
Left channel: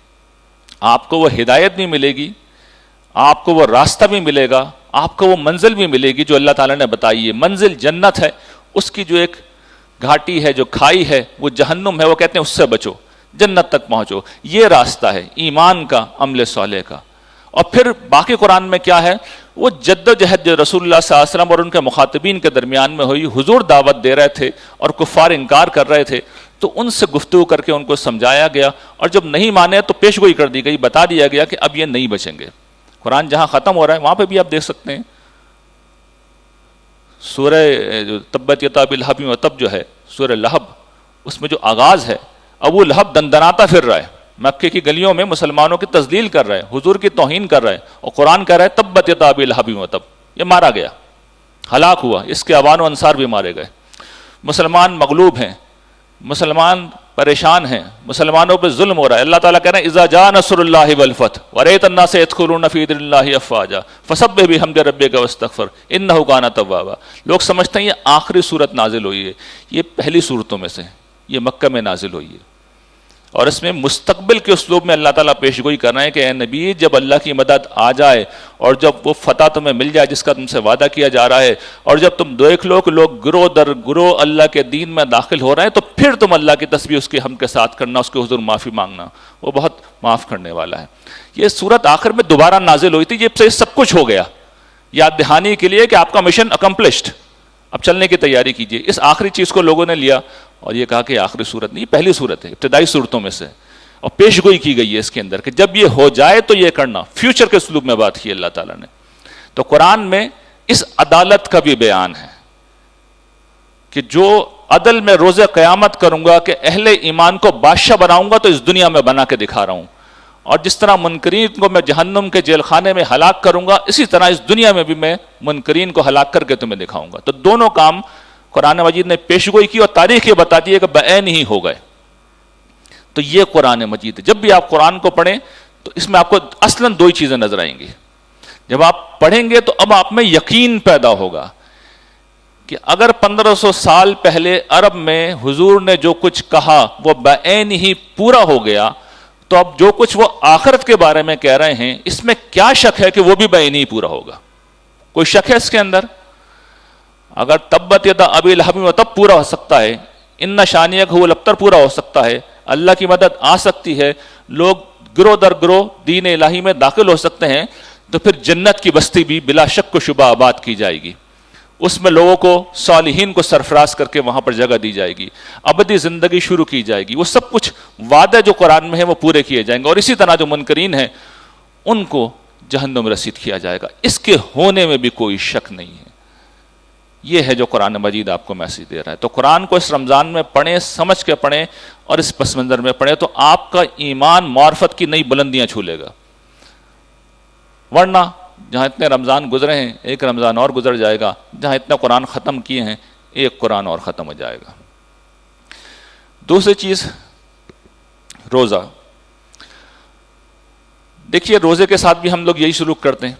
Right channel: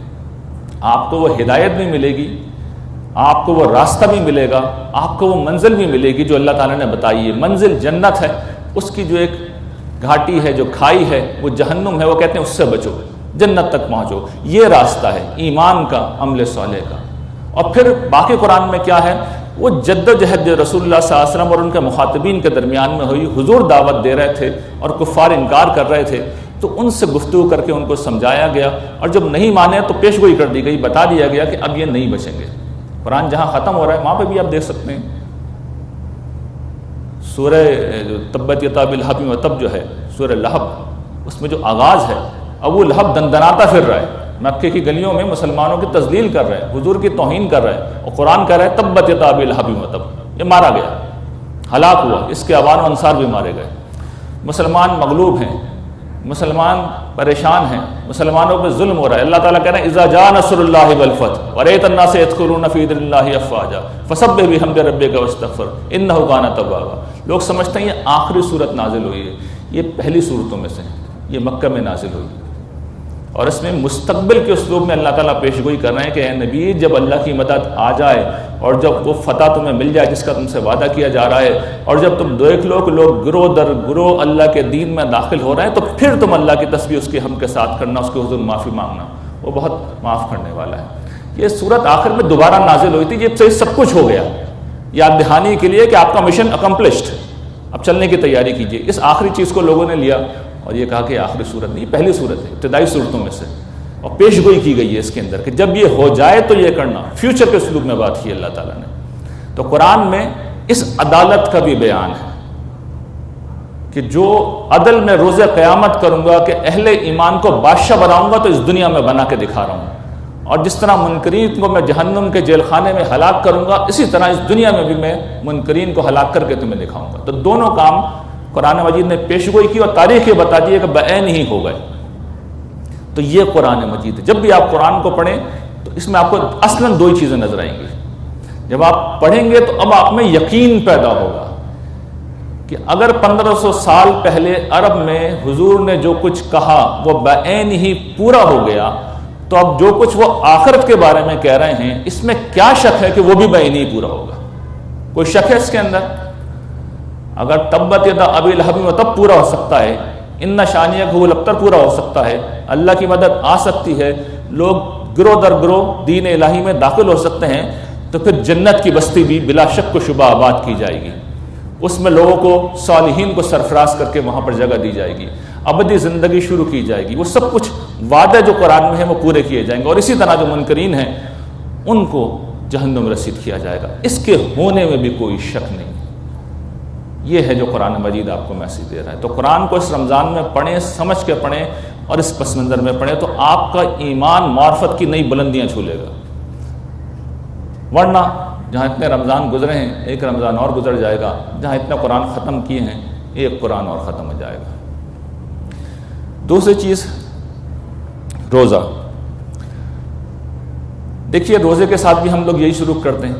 آپ کو وہ ہدایت بھی ملے گی, آپ کو وہ راستہ بھی ملے گا, آپ کو وہ منزل بھی ملے گی جو اللہ تعالیٰ نے بتائی ہے. منزل جنت ہے, اس کی جو ایک گھاٹی ہے, جو کھائی ہے, وہ جہنم ہے, وہ کہتے ہیں اس سے بچو, جنت تک پہنچو. یہ راستہ ہے ایمان کا, عمل صالح کا. اور پھر باقی قرآن میں کیا ہے, وہ جد و جہد جو رسول اللہ صلی اللہ علیہ وسلم اور ان کے مخاطبین کے درمیان میں ہوئی. حضور دعوت دے رہے تھے اور کفار انکار کر رہے تھے, تو ان سے گفتگو کر کے ان کو سمجھایا گیا, اور جب نہیں مانے تو پیشگوئی کر دی گئی, بتا دیا گیا کہ اب یہ نہیں بچیں گے. قرآن جہاں ختم ہو رہا ہے وہاں پہ بھی آپ دیکھ سکتے ہیں سورہ تبت یدا باللہب وتب جو ہے, سورہ لہب, اس میں جو آغاز ہے, ابو لہب دندناتا پھر رہا ہے مکے کی گلیوں میں, مسلمانوں کی تذلیل کر رہا ہے, حضور کی توہین کر رہا ہے, اور قرآن کہہ رہا ہے تبت یدا باللہب وتب, یہ مارا گیا, ہلاک ہوا, اس کے اوان و انصار بھی مارے گئے. مسلمان مغلوب ہیں, مسلمان پریشان ہیں, مسلمانوں پہ ظلم ہو رہا ہے. اللہ تعالیٰ کہہ رہے ہیں اذا جاء نصر اللہ والفتح ورأيت الناس يدخلون في دين الله افواجا فسبح بحمد ربك واستغفر انه كان توابا. لوگ سمجھتے ہیں یہ آخری صورت نازل ہوئی ہے, یہ پہلی صورتوں میں سے, یہ مکہ میں نازل ہوئی ہے, اور اس میں مستقبل کے اسلوب میں اللہ تعالیٰ پیشگوئی کر رہے ہیں کہ اے نبی, جب اللہ کی مدد آ جائے اور جب وہ فتح تمہیں مل جائے جس کا تم سے وعدہ کیا جا رہا ہے, اور جب تم دیکھ لو کہ لوگ گروہ در گروہ اللہ کے دین میں داخل ہو رہے ہیں, تو پھر تم اللہ کی تسبیح اس کے ہم کے ساتھ کرنا, اس کے حضور معافی مانگنا, وہ بہت معاف کرنے والا ہے. یہ صورت آخر میں دوبارہ نازل ہوئی تھی, یہ سب کچھ ہو گیا یاد دہانی کے لیے کہ آپ کا مشن اکمپلشڈ, اب چلنے کی تیاری کیجیے. اس آخری چیز کو لوگوں نے لیا اور یہ کہا کہ آخری صورت نہیں, پہلی صورت ہے, ابتدائی صورتوں میں سے, اور پیشگوئی کی گئی ہے اس کے اندر کہ جب یہ ہو جائے تو یہ کرنا. فیوچر کے اسلوب میں بات کی اللہ تعالیٰ نے. تو قرآن میں اس عدالت کا بھی بیان ہے کہ جو عدل میں روز قیامت کروں گا کہ اہل ایمان کو بادشاہ بناؤں گا, تو اس دنیا میں بنا کے دکھا رہا ہوں, اور جس طرح منکرین کو میں جہنم کے جیل خانے میں ہلاک کروں گا, اسی طرح اس دنیا میں بھی میں منکرین کو ہلاک کر کے تمہیں دکھاؤں گا. تو دونوں کام قرآن مجید نے پیشگوئی کی اور تاریخ یہ بتا دی ہے کہ بعین ہی ہو گئے. تو یہ قرآن مجید ہے. جب بھی آپ قرآن کو پڑھیں تو اس میں آپ کو اصلاً دو ہی چیزیں نظر آئیں گی. جب آپ پڑھیں گے تو اب آپ میں یقین پیدا ہوگا کہ اگر 1500 سال پہلے عرب میں حضور نے جو کچھ کہا وہ بعین ہی پورا ہو گیا, تو اب جو کچھ وہ آخرت کے بارے میں کہہ رہے ہیں اس میں کیا شک ہے کہ وہ بھی بعین ہی پورا ہوگا؟ کوئی شک ہے اس کے اندر؟ اگر تبت یدا ابی لہب وتب پورا ہو سکتا ہے, ان شانیہ هو الابتر پورا ہو سکتا ہے, اللہ کی مدد آ سکتی ہے, لوگ گروہ در گروہ دین الہی میں داخل ہو سکتے ہیں, تو پھر جنت کی بستی بھی بلا شک و شبہ آباد کی جائے گی. اس میں لوگوں کو, صالحین کو سرفراز کر کے وہاں پر جگہ دی جائے گی, ابدی زندگی شروع کی جائے گی. وہ سب کچھ وعدے جو قرآن میں ہیں وہ پورے کیے جائیں گے, اور اسی طرح جو منکرین ہیں ان کو جہنم رسید کیا جائے گا. اس کے ہونے میں بھی کوئی شک نہیں ہے. یہ ہے جو قرآن مجید آپ کو میسیج دے رہا ہے. تو قرآن کو اس رمضان میں پڑھیں, سمجھ کے پڑھیں, اور اس پس منظر میں پڑھیں, تو آپ کا ایمان معرفت کی نئی بلندیاں چھو لے گا. ورنہ جہاں اتنے رمضان گزرے ہیں, ایک رمضان اور گزر جائے گا, جہاں اتنا قرآن ختم کیے ہیں ایک قرآن اور ختم ہو جائے گا. دوسری چیز, روزہ. دیکھیے روزے کے ساتھ بھی ہم لوگ یہی سلوک کرتے ہیں.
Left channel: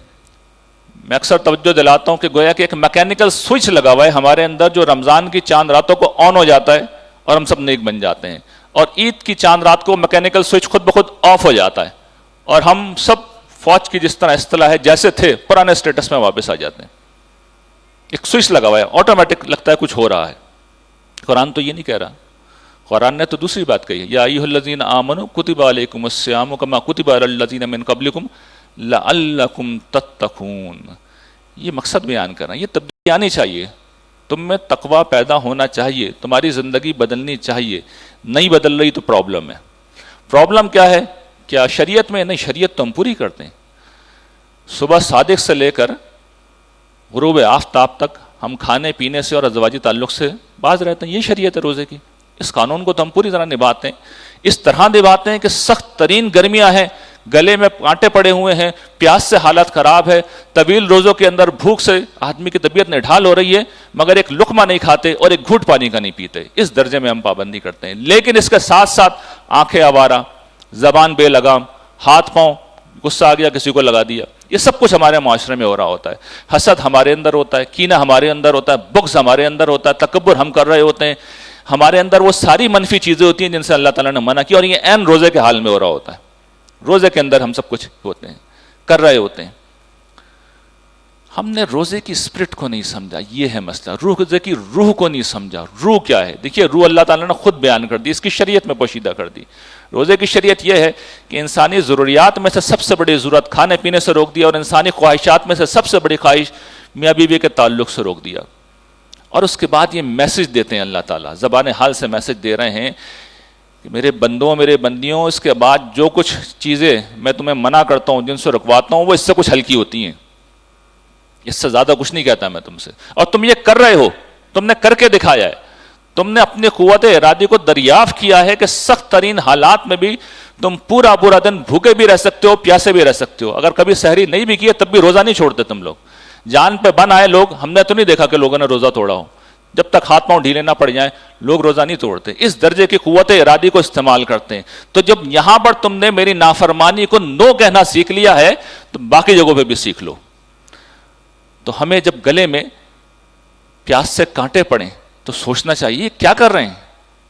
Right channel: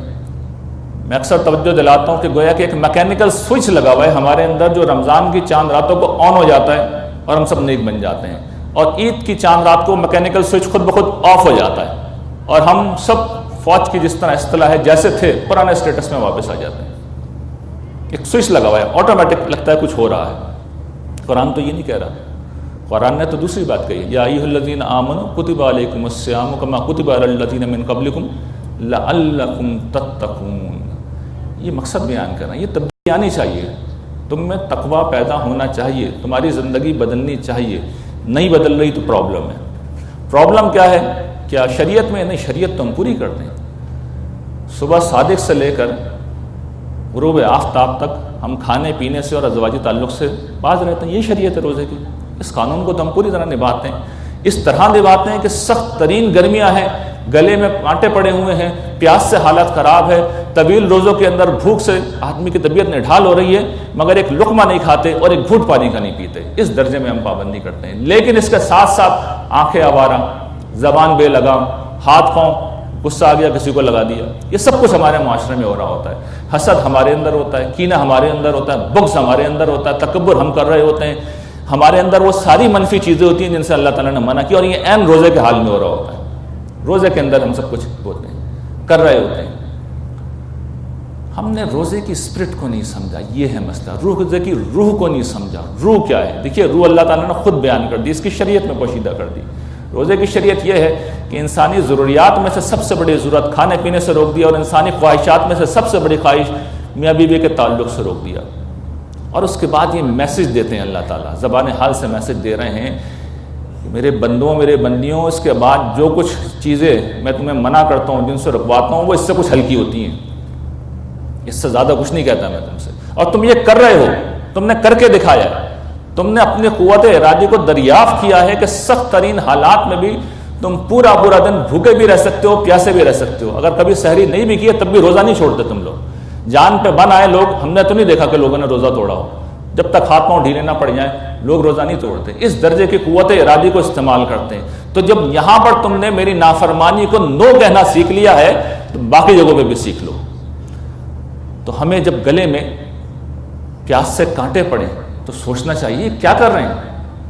میں اکثر توجہ دلاتا ہوں کہ گویا کہ ایک میکینیکل سوئچ لگا ہوا ہے ہمارے اندر, جو رمضان کی چاند راتوں کو آن ہو جاتا ہے اور ہم سب نیک بن جاتے ہیں, اور عید کی چاند رات کو میکینیکل سوئچ خود بخود آف ہو جاتا ہے اور ہم سب فوج کی جس طرح اصطلاح ہے جیسے تھے پرانے اسٹیٹس میں واپس آ جاتے ہیں. ایک سوئچ لگا ہوا ہے, آٹومیٹک لگتا ہے کچھ ہو رہا ہے. قرآن تو یہ نہیں کہہ رہا, قرآن نے تو دوسری بات کہی ہے, یا ایھا الذین آمنوا کتب علیکم الصیام کما کتب علی الذین من قبلکم لعلکم تتقون. یہ مقصد بیان کر رہے ہیں, یہ تبدیلی آنی چاہیے, تم میں تقوی پیدا ہونا چاہیے, تمہاری زندگی بدلنی چاہیے. نہیں بدل رہی تو پرابلم ہے. پرابلم کیا ہے؟ کیا شریعت میں نہیں, شریعت تو ہم پوری کرتے ہیں. صبح صادق سے لے کر غروب آفتاب تک ہم کھانے پینے سے اور ازواجی تعلق سے باز رہتے ہیں. یہ شریعت ہے روزے کی. اس قانون کو تو ہم پوری طرح نبھاتے ہیں, اس طرح نبھاتے ہیں کہ سخت ترین گرمیاں ہیں, گلے میں کانٹے پڑے ہوئے ہیں, پیاس سے حالت خراب ہے, طویل روزوں کے اندر بھوک سے آدمی کی طبیعت نڈھال ہو رہی ہے, مگر ایک لقمہ نہیں کھاتے اور ایک گھونٹ پانی کا نہیں پیتے. اس درجے میں ہم پابندی کرتے ہیں. لیکن اس کے ساتھ ساتھ آنکھیں آوارہ, زبان بے لگام, ہاتھ پاؤں, غصہ آ گیا کسی کو لگا دیا, یہ سب کچھ ہمارے معاشرے میں ہو رہا ہوتا ہے. حسد ہمارے اندر ہوتا ہے, کینہ ہمارے اندر ہوتا ہے, بغض ہمارے اندر ہوتا ہے, تکبر ہم کر رہے ہوتے ہیں. ہمارے اندر وہ ساری منفی چیزیں ہوتی ہیں جن سے اللہ تعالیٰ نے منع کیا, اور یہ عین روزے کے حال میں ہو رہا ہوتا ہے. روزے کے اندر ہم سب کچھ ہوتے ہیں, کر رہے ہوتے ہیں. ہم نے روزے کی اسپرٹ کو نہیں سمجھا, یہ ہے مسئلہ. روزے کی روح کو نہیں سمجھا. روح کیا ہے؟ دیکھیے, روح اللہ تعالیٰ نے خود بیان کر دی, اس کی شریعت میں پوشیدہ کر دی. روزے کی شریعت یہ ہے کہ انسانی ضروریات میں سے سب سے بڑی ضرورت کھانے پینے سے روک دیا, اور انسانی خواہشات میں سے سب سے بڑی خواہش میاں بیوی کے تعلق سے روک دیا. اور اس کے بعد یہ میسج دیتے ہیں اللہ تعالیٰ, زبان حال سے میسج دے رہے ہیں کہ میرے بندوں, میرے بندیوں, اس کے بعد جو کچھ چیزیں میں تمہیں منع کرتا ہوں, جن سے رکواتا ہوں, وہ اس سے کچھ ہلکی ہوتی ہیں. اس سے زیادہ کچھ نہیں کہتا میں تم سے, اور تم یہ کر رہے ہو, تم نے کر کے دکھایا ہے. تم نے اپنی قوت ارادی کو دریافت کیا ہے کہ سخت ترین حالات میں بھی تم پورا دن بھوکے بھی رہ سکتے ہو, پیاسے بھی رہ سکتے ہو. اگر کبھی سحری نہیں بھی کیے تب بھی روزہ نہیں چھوڑتے تم لوگ. جان پہ بن آئے لوگ, ہم نے تو نہیں دیکھا کہ لوگوں نے روزہ توڑا ہو. جب تک ہاتھ پاؤں ڈھیلے نہ پڑ جائیں لوگ روزہ نہیں توڑتے. اس درجے کی قوت ارادی کو استعمال کرتے ہیں. تو جب یہاں پر تم نے میری نافرمانی کو نو کہنا سیکھ لیا ہے تو باقی جگہوں پہ بھی سیکھ لو. تو ہمیں جب گلے میں پیاس سے کانٹے پڑیں تو سوچنا چاہیے کیا کر رہے ہیں,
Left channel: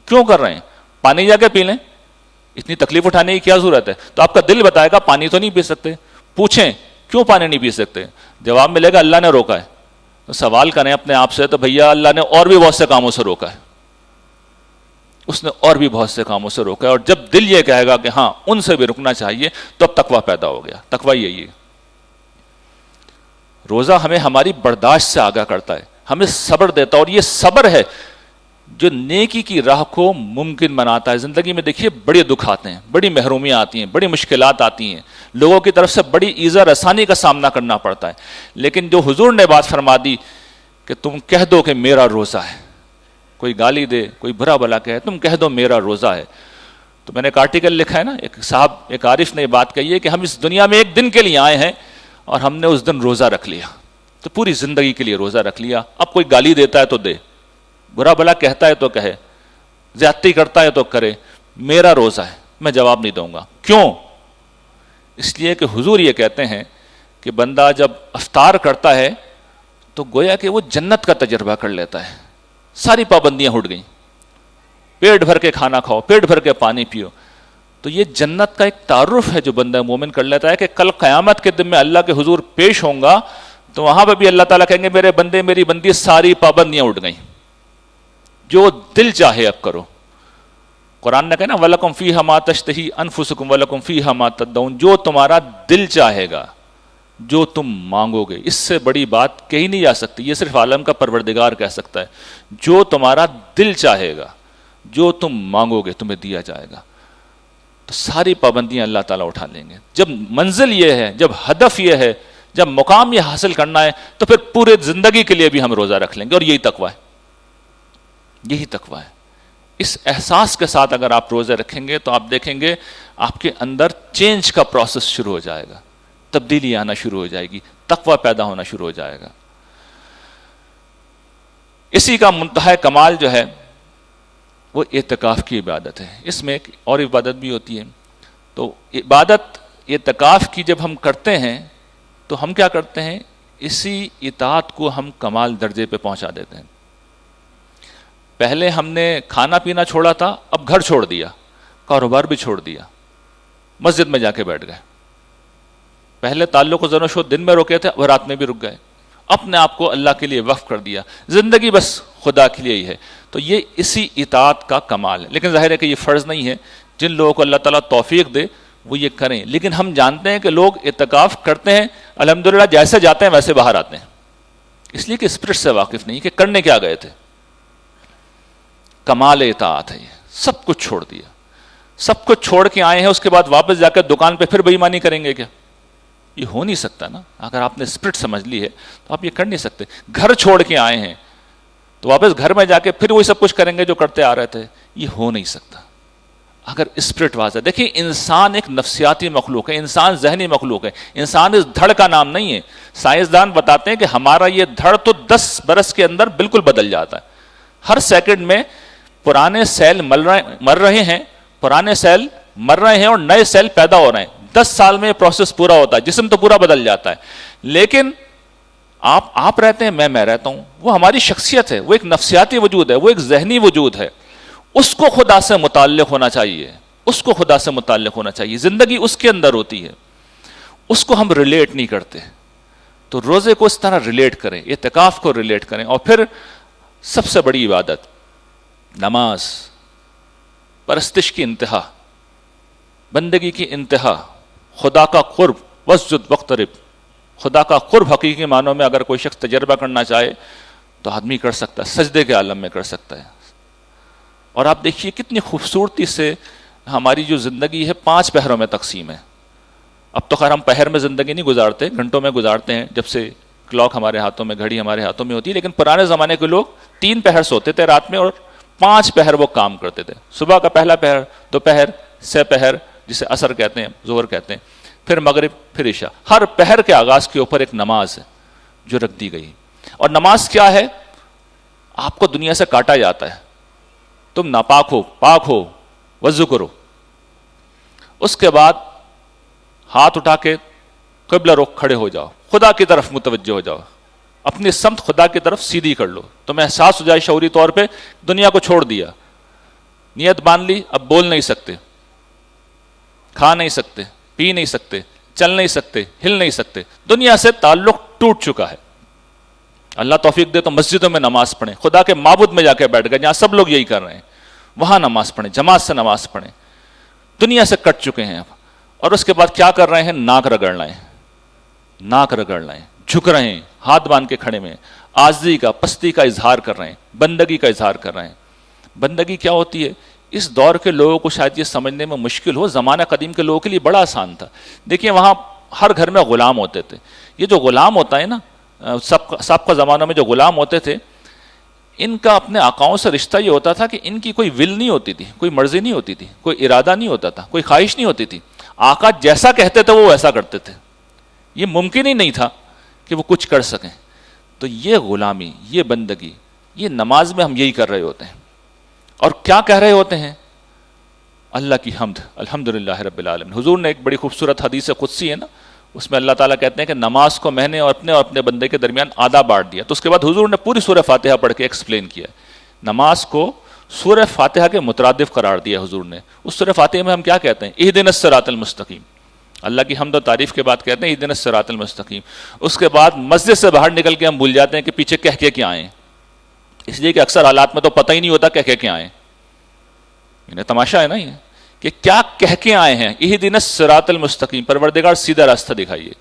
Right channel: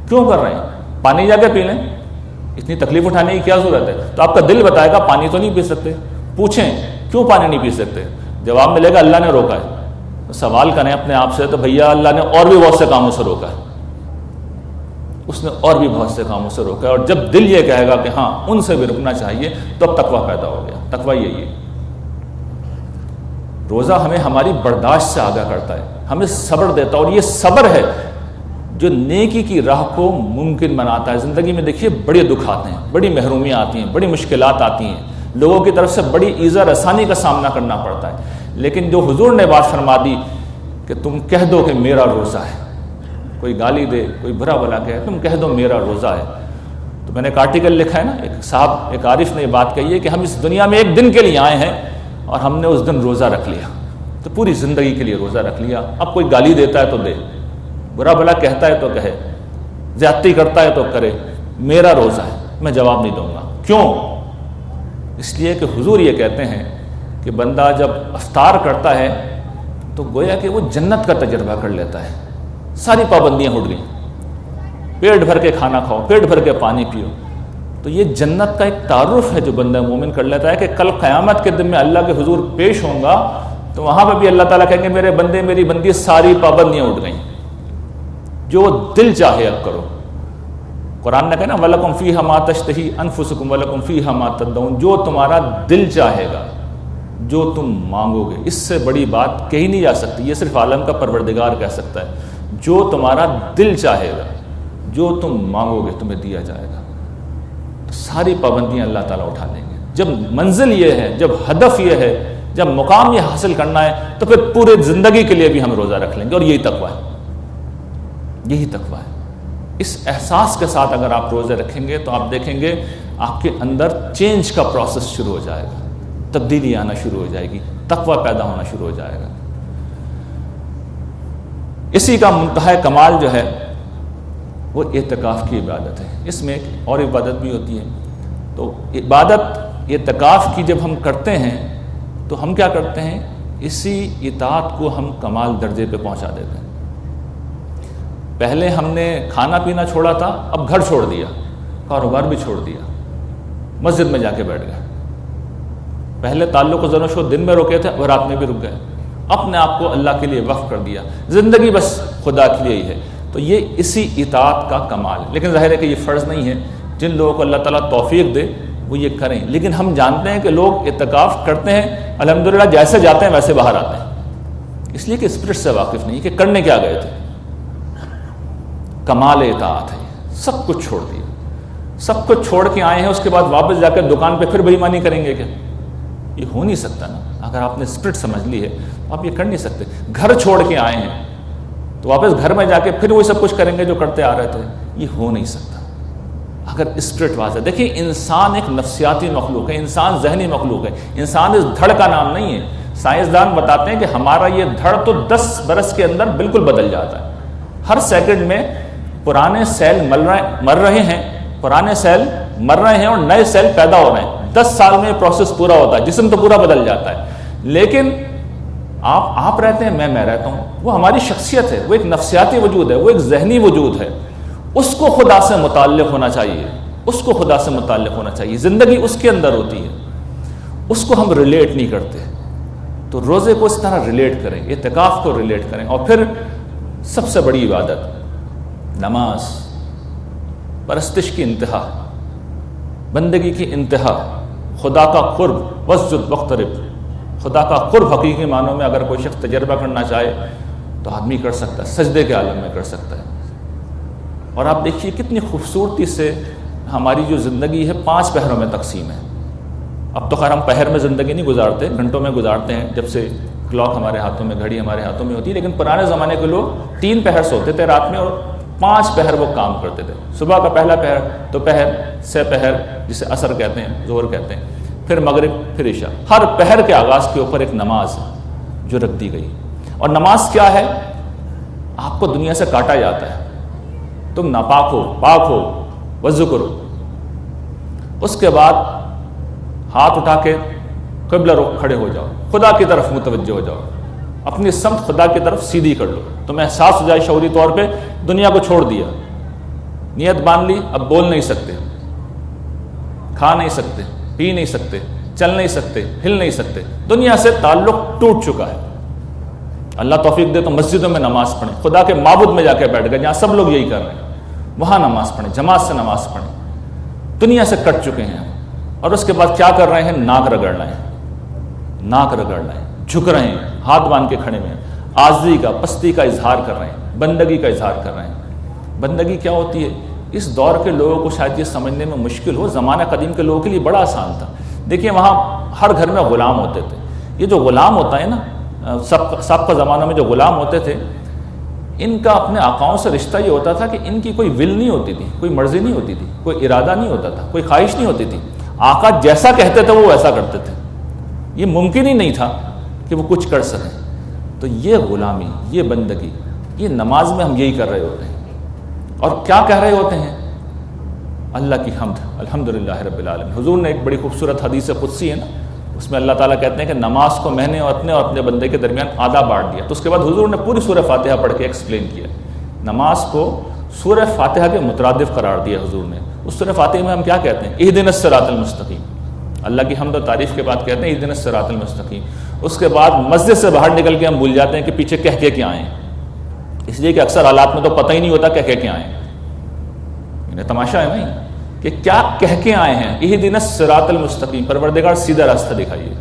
کیوں کر رہے ہیں. پانی جا کے پی لیں, اتنی تکلیف اٹھانے کی کیا ضرورت ہے. تو آپ کا دل بتائے گا پانی تو نہیں پی سکتے. پوچھیں کیوں پانی نہیں پی سکتے, جواب ملے گا اللہ نے روکا ہے. سوال کریں اپنے آپ سے تو بھیا اللہ نے اور بھی بہت سے کاموں سے روکا ہے, اس نے اور بھی بہت سے کاموں سے روکا ہے. اور جب دل یہ کہے گا کہ ہاں ان سے بھی رکنا چاہیے تو اب تقویٰ پیدا ہو گیا. تقویٰ یہی ہے. روزہ ہمیں ہماری برداشت سے آگاہ کرتا ہے, ہمیں صبر دیتا ہے, اور یہ صبر ہے جو نیکی کی راہ کو ممکن بناتا ہے. زندگی میں دیکھیے بڑے دکھ آتے ہیں, بڑی محرومیاں آتی ہیں, بڑی مشکلات آتی ہیں, لوگوں کی طرف سے بڑی ایذا رسانی کا سامنا کرنا پڑتا ہے. لیکن جو حضور نے بات فرما دی کہ تم کہہ دو کہ میرا روزہ ہے, کوئی گالی دے, کوئی برا بلا کہے, تم کہہ دو میرا روزہ ہے. تو میں نے ایک آرٹیکل لکھا ہے نا, ایک صاحب, ایک عارف نے یہ بات کہی ہے کہ ہم اس دنیا میں ایک دن کے لیے آئے ہیں اور ہم نے اس دن روزہ رکھ لیا, تو پوری زندگی کے لیے روزہ رکھ لیا. اب کوئی گالی دیتا ہے تو دے, برا بلا کہتا ہے تو کہے, زیادتی کرتا ہے تو کرے, میرا روزہ ہے, میں جواب نہیں دوں گا. کیوں؟ اس لیے کہ حضور یہ کہتے ہیں کہ بندہ جب افطار کرتا ہے تو گویا کہ وہ جنت کا تجربہ کر لیتا ہے. ساری پابندیاں ہٹ گئیں, پیٹ بھر کے کھانا کھاؤ, پیٹ بھر کے پانی پیو. تو یہ جنت کا ایک تعارف ہے جو بندہ مومن کر لیتا ہے کہ کل قیامت کے دن میں اللہ کے حضور پیش ہوں گا تو وہاں پہ بھی اللہ تعالیٰ کہیں گے میرے بندے, میری بندی, ساری پابندیاں اٹھ گئیں, جو دل چاہے اب کرو. قرآن نے کہا نا وَلَكُمْ فِيهَا مَا تَشْتَهِي أَنفُسُكُمْ وَلَكُمْ فِيهَا مَا تَدَّعُونَ, جو تمہارا دل چاہے گا, جو تم مانگو گے. اس سے بڑی بات کہی نہیں جا سکتی, یہ صرف عالم کا پروردگار کہہ سکتا ہے. جو تمہارا دل چاہے گا, جو تم مانگو گے تمہیں دیا جائے گا. تو ساری پابندیاں اللہ تعالیٰ اٹھا لیں گے. جب منزل یہ ہے, جب ہدف یہ ہے, جب مقام یہ حاصل کرنا ہے, تو پھر پورے زندگی کے لیے بھی ہم روزہ رکھ لیں گے. اور یہی تقویٰ ہے, یہی تقویٰ ہے. اس احساس کے ساتھ اگر آپ روزے رکھیں گے تو آپ دیکھیں گے آپ کے اندر چینج کا پروسیس شروع ہو جائے گا, تبدیلی آنا شروع ہو جائے گی, تقویٰ پیدا ہونا شروع ہو جائے گا. اسی کا منتہا کمال جو ہے وہ اعتکاف کی عبادت ہے. اس میں ایک اور عبادت بھی ہوتی ہے. تو عبادت اعتکاف کی جب ہم کرتے ہیں تو ہم کیا کرتے ہیں, اسی اطاعت کو ہم کمال درجے پہ پہنچا دیتے ہیں. پہلے ہم نے کھانا پینا چھوڑا تھا, اب گھر چھوڑ دیا, کاروبار بھی چھوڑ دیا, مسجد میں جا کے بیٹھ گئے. پہلے تعلق و زن و شو دن میں روکے تھے، وہ رات میں بھی رک گئے، اپنے آپ کو اللہ کے لیے وقف کر دیا، زندگی بس خدا کے لیے ہی ہے۔ تو یہ اسی اطاعت کا کمال ہے۔ لیکن ظاہر ہے کہ یہ فرض نہیں ہے، جن لوگوں کو اللہ تعالیٰ توفیق دے وہ یہ کریں۔ لیکن ہم جانتے ہیں کہ لوگ اعتکاف کرتے ہیں، الحمدللہ جیسے جاتے ہیں ویسے باہر آتے ہیں، اس لیے کہ اسپرٹ سے واقف نہیں کہ کرنے کیا گئے تھے۔ کمال اطاعت ہے، سب کچھ چھوڑ دیا، سب کچھ چھوڑ کے آئے ہیں، اس کے بعد واپس جا کے دکان پہ پھر بے ایمانی کریں گے کیا؟ یہ ہو نہیں سکتا نا۔ اگر آپ نے اسپرٹ سمجھ لی ہے تو آپ یہ کر نہیں سکتے۔ گھر چھوڑ کے آئے ہیں تو واپس گھر میں جا کے پھر وہی سب کچھ کریں گے جو کرتے آ رہے تھے، یہ ہو نہیں سکتا اگر اسپرٹ واضح۔ دیکھیں انسان ایک نفسیاتی مخلوق ہے، انسان ذہنی مخلوق ہے، انسان اس دھڑ کا نام نہیں ہے۔ سائنسدان بتاتے ہیں کہ ہمارا یہ دھڑ تو 10 برس کے اندر بالکل بدل جاتا ہے۔ ہر سیکنڈ میں پرانے سیل مر رہے ہیں، پرانے سیل مر رہے ہیں اور نئے سیل پیدا ہو رہے ہیں۔ 10 سال میں یہ پروسیس پورا ہوتا ہے، جسم تو پورا بدل جاتا ہے۔ لیکن آپ رہتے ہیں، میں رہتا ہوں، وہ ہماری شخصیت ہے، وہ ایک نفسیاتی وجود ہے، وہ ایک ذہنی وجود ہے۔ اس کو خدا سے متعلق ہونا چاہیے، اس کو خدا سے متعلق ہونا چاہیے، زندگی اس کے اندر ہوتی ہے، اس کو ہم ریلیٹ نہیں کرتے۔ تو روزے کو اس طرح ریلیٹ کریں، اعتکاف کو ریلیٹ کریں۔ اور پھر سب سے بڑی عبادت نماز، پرستش کی انتہا، بندگی کی انتہا، خدا کا قرب، واسجد واقترب، خدا کا قرب حقیقی معنوں میں اگر کوئی شخص تجربہ کرنا چاہے تو آدمی کر سکتا ہے، سجدے کے عالم میں کر سکتا ہے۔ اور آپ دیکھیے کتنی خوبصورتی سے ہماری جو زندگی ہے 5 پہروں میں تقسیم ہے۔ اب تو خیر ہم پہر میں زندگی نہیں گزارتے، گھنٹوں میں گزارتے ہیں، جب سے کلاک ہمارے ہاتھوں میں، گھڑی ہمارے ہاتھوں میں ہوتی ہے۔ لیکن پرانے زمانے کے لوگ 3 پہر سوتے تھے رات میں اور 5 پہر وہ کام کرتے تھے۔ صبح کا پہلا پہر، دوپہر سے پہر جسے عصر کہتے ہیں، ظہر کہتے ہیں، پھر مغرب، پھر عشاء۔ ہر پہر کے آغاز کے اوپر ایک نماز ہے جو رکھ دی گئی۔ اور نماز کیا ہے؟ آپ کو دنیا سے کاٹا جاتا ہے، تم ناپاک ہو، پاک ہو، وضو کرو۔ اس کے بعد ہاتھ اٹھا کے قبلہ رخ کھڑے ہو جاؤ، خدا کی طرف متوجہ ہو جاؤ، اپنی سمت خدا کی طرف سیدھی کر لو۔ تمہیں احساس ہو جائے شعوری طور پہ دنیا کو چھوڑ دیا، نیت باندھ لی، اب بول نہیں سکتے، کھا نہیں سکتے، پی نہیں سکتے، چل نہیں سکتے، ہل نہیں سکتے، دنیا سے تعلق ٹوٹ چکا ہے۔ اللہ توفیق دے تو مسجدوں میں نماز پڑھیں، خدا کے معبود میں جا کے بیٹھ گئے جہاں سب لوگ یہی کر رہے ہیں، وہاں نماز پڑھیں، جماعت سے نماز پڑھیں۔ دنیا سے کٹ چکے ہیں اور اس کے بعد کیا کر رہے ہیں؟ ناک رگڑ رہے ہیں، ناک رگڑ رہے ہیں، جھک رہے ہیں، ہاتھ باندھ کے کھڑے میں، عاجزی کا، پستی کا اظہار کر رہے ہیں، بندگی کا اظہار کر رہے ہیں۔ بندگی کیا ہوتی ہے؟ اس دور کے لوگوں کو شاید یہ سمجھنے میں مشکل ہو، زمانہ قدیم کے لوگوں کے لیے بڑا آسان تھا۔ دیکھیے وہاں ہر گھر میں غلام ہوتے تھے۔ یہ جو غلام ہوتا ہے نا، سابقہ زمانہ میں جو غلام ہوتے تھے، ان کا اپنے آقاؤں سے رشتہ یہ ہوتا تھا کہ ان کی کوئی ول نہیں ہوتی تھی، کوئی مرضی نہیں ہوتی تھی، کوئی ارادہ نہیں ہوتا تھا، کوئی خواہش نہیں ہوتی تھی۔ آقا جیسا کہتے تھے وہ ویسا کرتے تھے، یہ ممکن ہی نہیں تھا کہ وہ کچھ کر سکیں۔ تو یہ غلامی، یہ بندگی، یہ نماز میں ہم یہی کر رہے ہوتے ہیں۔ اور کیا کہہ رہے ہوتے ہیں؟ اللہ کی حمد، الحمدللہ رب العالمین۔ حضور نے ایک بڑی خوبصورت حدیث قدسی ہے نا، اس میں اللہ تعالیٰ کہتے ہیں کہ نماز کو میں نے اور اپنے بندے کے درمیان آدھا بانٹ دیا۔ تو اس کے بعد حضور نے پوری سورہ فاتحہ پڑھ کے ایکسپلین کیا، نماز کو سورہ فاتحہ کے مترادف قرار دیا حضور نے۔ اس سورہ فاتحہ میں ہم کیا کہتے ہیں؟ اہدنا الصراط المستقیم، اللہ کی حمد و تعریف کے بعد کہتے ہیں اہدنا الصراط المستقیم۔ اس کے بعد مسجد سے باہر نکل کے ہم بھول جاتے ہیں کہ پیچھے کہہ کے کیا آئیں، اس لیے کہ اکثر حالات میں تو پتہ ہی نہیں ہوتا کہہ کے کیا آئیں۔ انہیں تماشا ہے نا یہ کہ کیا کہہ کے آئے ہیں؟ اہدنا الصراط المستقیم، پروردگار سیدھا راستہ دکھائیے،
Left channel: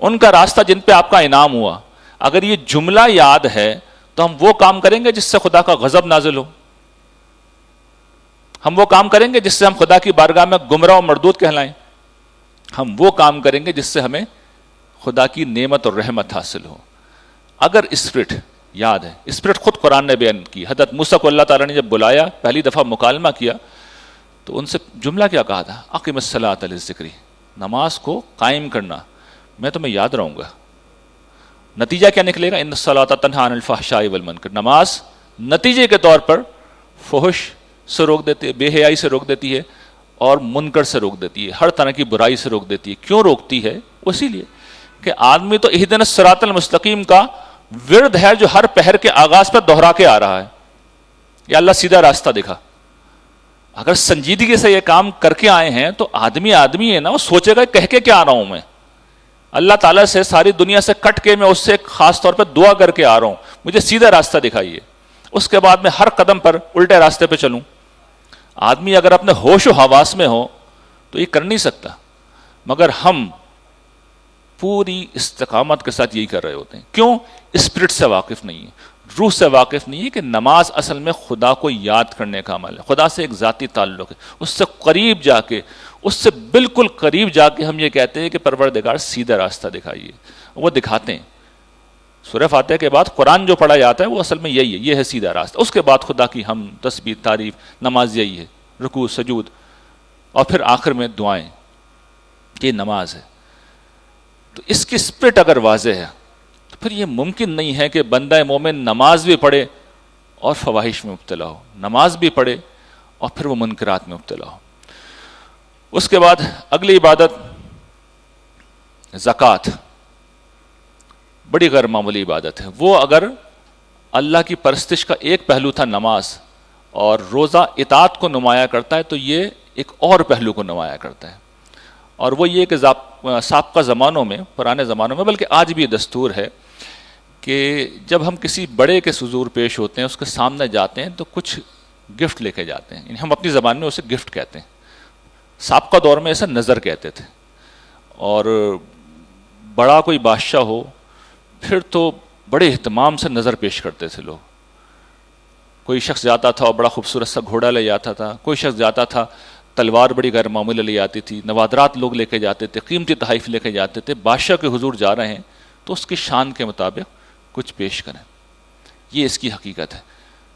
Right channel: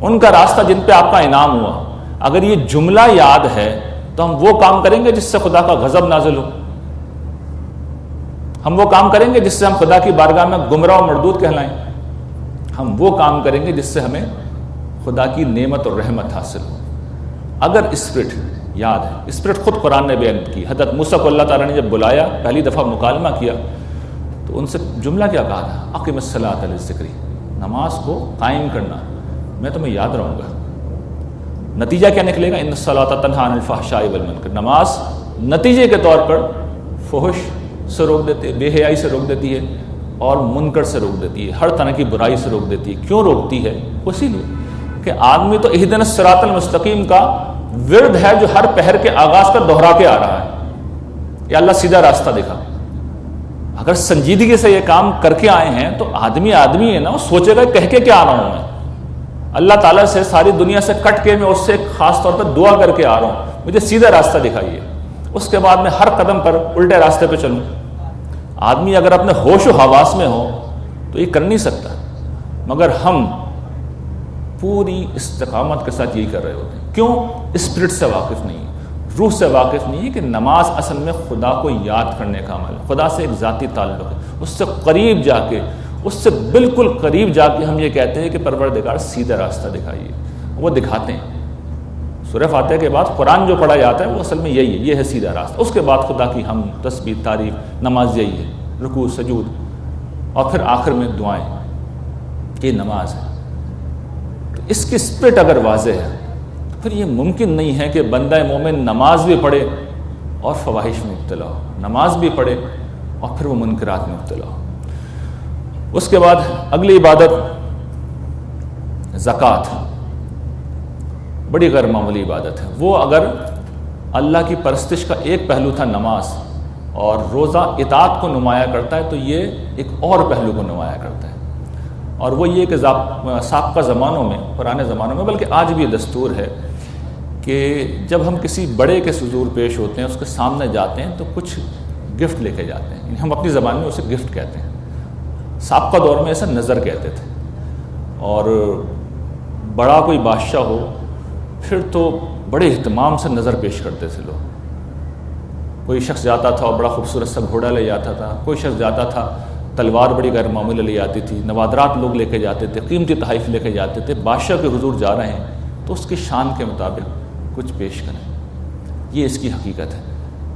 ان کا راستہ جن پہ آپ کا انعام ہوا۔ اگر یہ جملہ یاد ہے تو ہم وہ کام کریں گے جس سے خدا کا غضب نازل ہو، ہم وہ کام کریں گے جس سے ہم خدا کی بارگاہ میں گمراہ و مردود کہلائیں، ہم وہ کام کریں گے جس سے ہمیں خدا کی نعمت اور رحمت حاصل ہو۔ اگر اسپرٹ یاد ہے، اسپرٹ خود قرآن نے بیان کی۔ حضرت موسیٰ کو اللہ تعالیٰ نے جب بلایا، پہلی دفعہ مکالمہ کیا تو ان سے جملہ کیا کہا تھا؟ اقم الصلاۃ لذکری، نماز کو قائم کرنا، میں تمہیں یاد رہوں گا۔ نتیجہ کیا نکلے گا؟ ان الصلاۃ تنہی عن الفحشاء والمنکر، نماز نتیجے کے طور پر فحش سے روک دیتی ہے، بے حیائی سے روک دیتی ہے اور منکر سے روک دیتی ہے، ہر طرح کی برائی سے روک دیتی ہے۔ کیوں روکتی ہے؟ اسی لیے کہ آدمی تو اہدنا الصراط المستقیم کا ورد ہے جو ہر پہر کے آغاز پر دہرا کے آ رہا ہے، یا اللہ سیدھا راستہ دکھا، اگر سنجیدگی سے یہ کام کر کے آئے ہیں تو آدمی ہے نا، وہ سوچے گا کہہ کے کیا آ رہا ہوں میں، اللہ تعالیٰ سے ساری دنیا سے کٹ کے میں اس سے خاص طور پہ دعا کر کے آ رہا ہوں، مجھے سیدھا راستہ دکھائیے، اس کے بعد میں ہر قدم پر الٹے راستے پہ چلوں۔ آدمی اگر اپنے ہوش و حواس میں ہو تو یہ کر نہیں سکتا، مگر ہم پوری استقامت کے ساتھ یہی کر رہے ہوتے ہیں۔ کیوں؟ اسپرٹ سے واقف نہیں ہے، روح سے واقف نہیں ہے کہ نماز اصل میں خدا کو یاد کرنے کا عمل ہے، خدا سے ایک ذاتی تعلق ہے، اس سے قریب جا کے، اس سے بالکل قریب جا کے ہم یہ کہتے ہیں کہ پروردگار سیدھا راستہ دکھائیے، وہ دکھاتے ہیں۔ سورہ فاتحہ کے بعد قرآن جو پڑھا جاتا ہے وہ اصل میں یہی ہے، یہ ہے سیدھا راستہ۔ اس کے بعد خدا کی حمد، تسبیح، تعریف، نماز یہی ہے، رکوع، سجود، اور پھر آخر میں دعائیں، یہ نماز ہے۔ تو اس کی اسپرٹ اگر واضح ہے تو پھر یہ ممکن نہیں ہے کہ بندہ مومن نماز بھی پڑھے اور فواحش میں مبتلا ہو، نماز بھی پڑھے اور پھر وہ منکرات میں مبتلا ہو۔ اس کے بعد اگلی عبادت زکوٰۃ، بڑی غیر معمولی عبادت ہے۔ وہ اگر اللہ کی پرستش کا ایک پہلو تھا نماز، اور روزہ اطاعت کو نمایاں کرتا ہے، تو یہ ایک اور پہلو کو نمایاں کرتا ہے، اور وہ یہ کہ سابقہ زمانوں میں، پرانے زمانوں میں، بلکہ آج بھی یہ دستور ہے کہ جب ہم کسی بڑے کے حضور پیش ہوتے ہیں، اس کے سامنے جاتے ہیں تو کچھ گفٹ لے کے جاتے ہیں، ہم اپنی زبان میں اسے گفٹ کہتے ہیں، سابقہ دور میں اسے نظر کہتے تھے۔ اور بڑا کوئی بادشاہ ہو پھر تو بڑے اہتمام سے نظر پیش کرتے تھے لوگ۔ کوئی شخص جاتا تھا اور بڑا خوبصورت سا گھوڑا لے جاتا تھا، کوئی شخص جاتا تھا تلوار بڑی غیر معمولی لے جاتی تھی، نوادرات لوگ لے کے جاتے تھے، قیمتی تحائف لے کے جاتے تھے۔ بادشاہ کے حضور جا رہے ہیں تو اس کی شان کے مطابق کچھ پیش کریں، یہ اس کی حقیقت ہے۔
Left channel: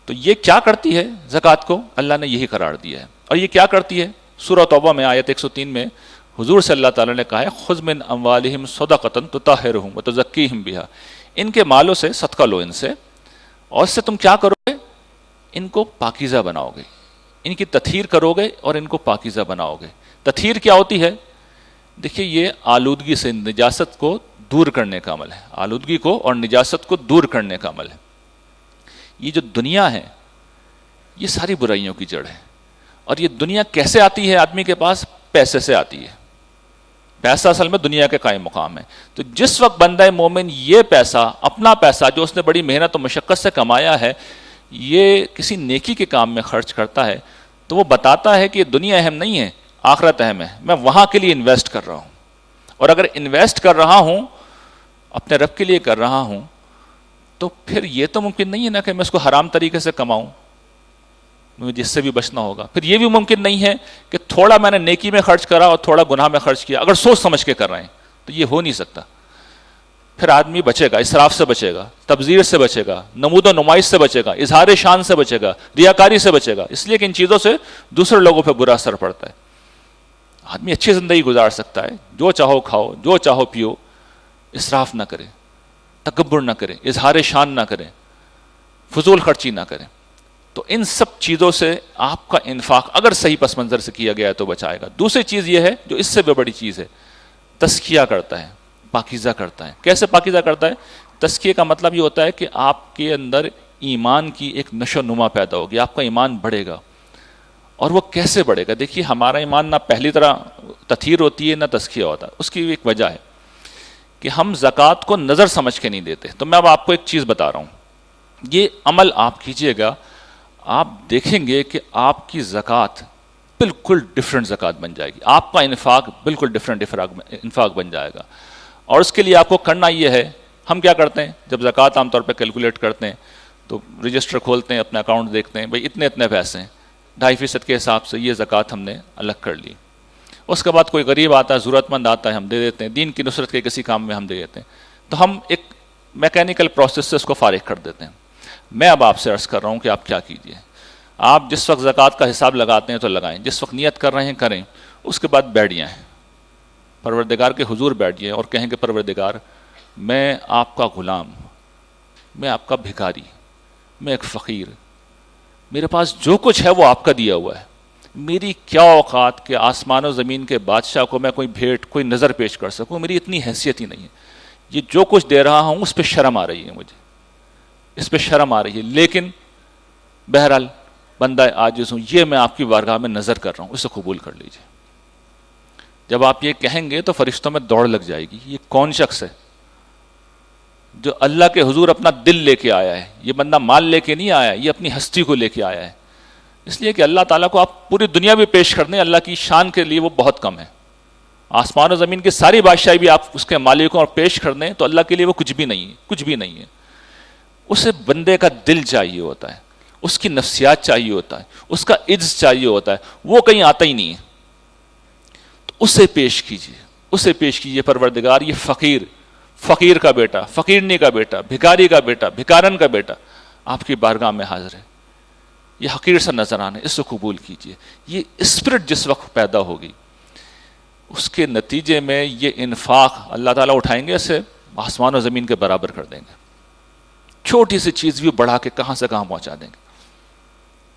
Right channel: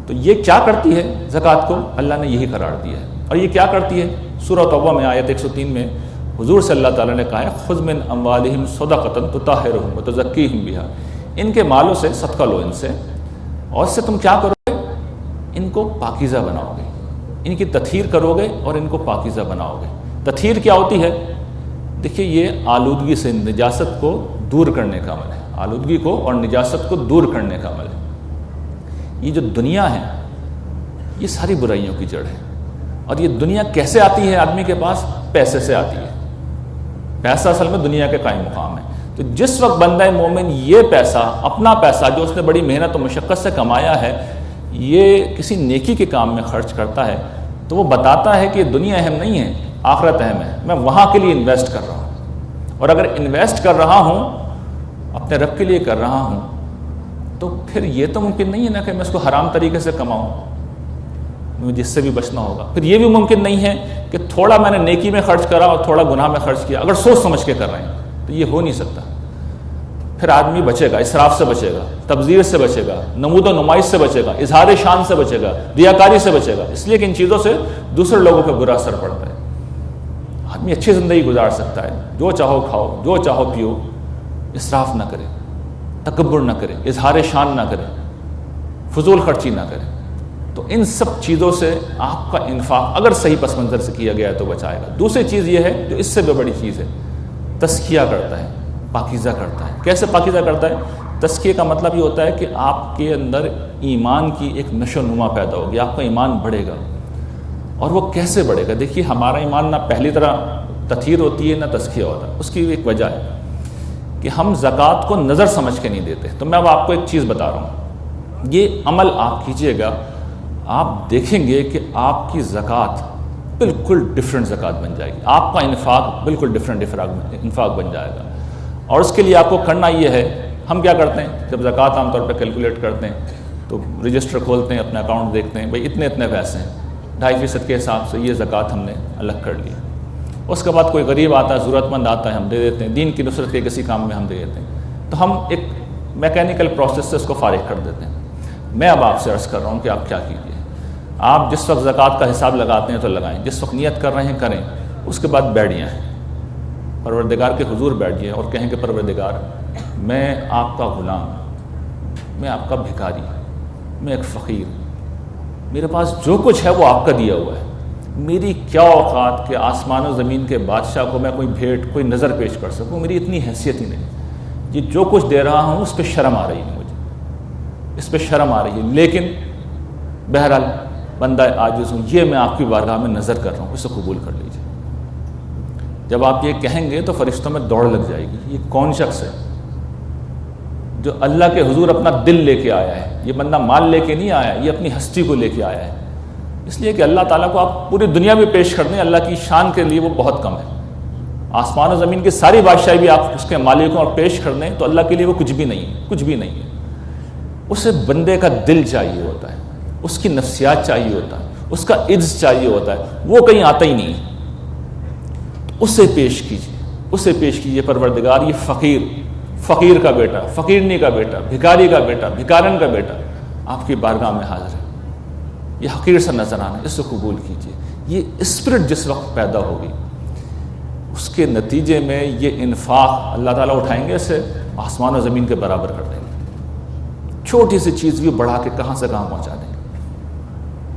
تو یہ کیا کرتی ہے زکوٰۃ کو؟ اللہ نے یہی قرار دیا ہے۔ اور یہ کیا کرتی ہے؟ سورہ توبہ میں آیت 103 میں حضور صلی اللہ تعالیٰ نے کہا ہے، خذ من اموالہم صدقۃ تطہرہم وتزکیہم بہا، ان کے مالوں سے صدقہ لو ان سے، اور اس سے تم کیا کرو گے؟ ان کو پاکیزہ بناؤ گے، ان کی تطہیر کرو گے اور ان کو پاکیزہ بناؤ گے۔ تطہیر کیا ہوتی ہے؟ دیکھیے، یہ آلودگی سے، نجاست کو دور کرنے کا عمل ہے، آلودگی کو اور نجاست کو دور کرنے کا عمل ہے۔ یہ جو دنیا ہے یہ ساری برائیوں کی جڑ ہے، اور یہ دنیا کیسے آتی ہے آدمی کے پاس؟ پیسے سے آتی ہے۔ پیسہ اصل میں دنیا کے قائم مقام ہے۔ تو جس وقت بندہ مومن یہ پیسہ، اپنا پیسہ جو اس نے بڑی محنت و مشقت سے کمایا ہے، یہ کسی نیکی کے کام میں خرچ کرتا ہے، تو وہ بتاتا ہے کہ یہ دنیا اہم نہیں ہے، آخرت اہم ہے، میں وہاں کے لیے انویسٹ کر رہا ہوں۔ اور اگر انویسٹ کر رہا ہوں، اپنے رب کے لیے کر رہا ہوں، تو پھر یہ تو ممکن نہیں ہے نا کہ میں اس کو حرام طریقے سے کماؤں، مجھے جس سے بھی بچنا ہوگا۔ پھر یہ بھی ممکن نہیں ہے کہ تھوڑا میں نے نیکی میں خرچ کرا اور تھوڑا گناہ میں خرچ کیا، اگر سوچ سمجھ کے کر رہے ہیں تو یہ ہو نہیں سکتا۔ پھر آدمی بچے گا، اسراف سے بچے گا، تبذیر سے بچے گا، نمود و نمائش سے بچے گا، اظہار شان سے بچے گا، ریاکاری سے بچے گا، اس لیے کہ ان چیزوں سے دوسرے لوگوں پہ برا اثر پڑتا ہے۔ آدمی اچھی زندگی گزار سکتا ہے، جو چاہو کھاؤ، جو چاہو پیو، اسراف نہ کرے، تکبر نہ کرے، اظہار شان نہ کرے، فضول خرچی نہ کرے۔ تو ان سب چیزوں سے آپ کا انفاق اگر صحیح پس منظر سے کیا گیا ہے تو بچائے گا۔ دوسری چیز یہ ہے جو اس سے بھی بڑی چیز ہے، تزکیہ کرتا ہے، پاکیزہ کرتا ہے۔ کیسے پاکیزہ کرتا ہے؟ تزکیہ کا مطلب یہ ہوتا ہے کہ آپ کے اندر ایمان کی ایک نشو و نما پیدا ہوگی، آپ کا ایمان بڑھے گا۔ اور وہ کیسے بڑھے گا؟ دیکھیے، ہمارا ایمان نہ پہلی طرح تطہیر ہوتی ہے نہ تزکیہ ہوتا ہے۔ اس کی ایک وجہ ہے کہ ہم زکوٰۃ کو نظر سمجھ کے نہیں دیتے۔ تو میں اب آپ کو ایک چیز بتا رہا ہوں، یہ عمل آپ کیجئے گا، آپ دیکھیں گے کہ آپ کی زکوٰۃ بالکل ڈیفرنٹ زکوٰۃ بن جائے گی، آپ کا انفاق بالکل ڈیفرنٹ انفاق بن جائے گا۔ اور اس کے لیے آپ کو کرنا یہ ہے، ہم کیا کرتے ہیں جب زکوٰۃ عام طور پہ کیلکولیٹ کرتے ہیں تو رجسٹر کھولتے ہیں، اپنا اکاؤنٹ دیکھتے ہیں، بھئی اتنے پیسے ہیں، 2.5% کے حساب سے یہ زکوٰۃ ہم نے الگ کر لی۔ اس کے بعد کوئی غریب آتا ہے، ضرورت مند آتا ہے، ہم دے دیتے ہیں، دین کی نصرت کے کسی کام میں ہم دے دیتے ہیں۔ تو ہم ایک میکینیکل پروسیس سے اس کو فارغ کر دیتے ہیں۔ میں اب آپ سے عرض کر رہا ہوں کہ آپ کیا کیجئے، آپ جس وقت زکوٰۃ کا حساب لگاتے ہیں تو لگائیں، جس وقت نیت کر رہے ہیں کریں، اس کے بعد بیٹھ جائیں، پروردگار کے حضور بیٹھ جائیں اور کہیں کہ پروردگار، میں آپ کا غلام، میں آپ کا بھکاری، میں ایک فقیر، میرے پاس جو کچھ ہے وہ آپ کا دیا ہوا ہے، میری کیا اوقات کہ آسمان و زمین کے بادشاہ کو میں کوئی بھیٹ، کوئی نظر پیش کر سکوں، میری اتنی حیثیت ہی نہیں ہے۔ یہ جو کچھ دے رہا ہوں اس پہ شرم آ رہی ہے، مجھے اس پہ شرم آ رہی ہے، لیکن بہرحال بندہ عاجز ہوں، یہ میں آپ کی بارگاہ میں نظر کر رہا ہوں، اسے قبول کر لیجیے۔ جب آپ یہ کہیں گے تو فرشتوں میں دوڑ لگ جائے گی، یہ کون شخص ہے جو اللہ کے حضور اپنا دل لے کے آیا ہے؟ یہ بندہ مال لے کے نہیں آیا، یہ اپنی ہستی کو لے کے آیا ہے۔ اس لیے کہ اللہ تعالیٰ کو آپ پوری دنیا میں پیش کر دیں، اللہ کی شان کے لیے وہ بہت کم ہے۔ آسمان و زمین کی ساری بادشاہی بھی آپ اس کے مالکوں اور پیش کر دیں تو اللہ کے لیے وہ کچھ بھی نہیں ہے، کچھ بھی نہیں ہے۔ اسے بندے کا دل چاہیے ہوتا ہے، اس کی نفسیات چاہیے ہوتا ہے، اس کا عجز چاہیے ہوتا ہے، وہ کہیں آتا ہی نہیں ہے۔ تو اسے پیش کیجیے، اسے پیش کیجیے پروردگار یہ فقیر کا بیٹا، فقیرنی کا بیٹا، بھکاری کا بیٹا، بھکارن کا بیٹا آپ کی بارگاہ میں حاضر ہے، یہ حقیر سا نظر آنا ہے، اس کو قبول کیجیے۔ یہ اسپرٹ جس وقت پیدا ہوگی اس کے نتیجے میں یہ انفاق اللہ تعالیٰ اٹھائیں گے، اسے آسمان و زمین کے برابر کر دیں گے، چھوٹی سی چیز بھی بڑھا کے کہاں سے کہاں پہنچا دیں گے۔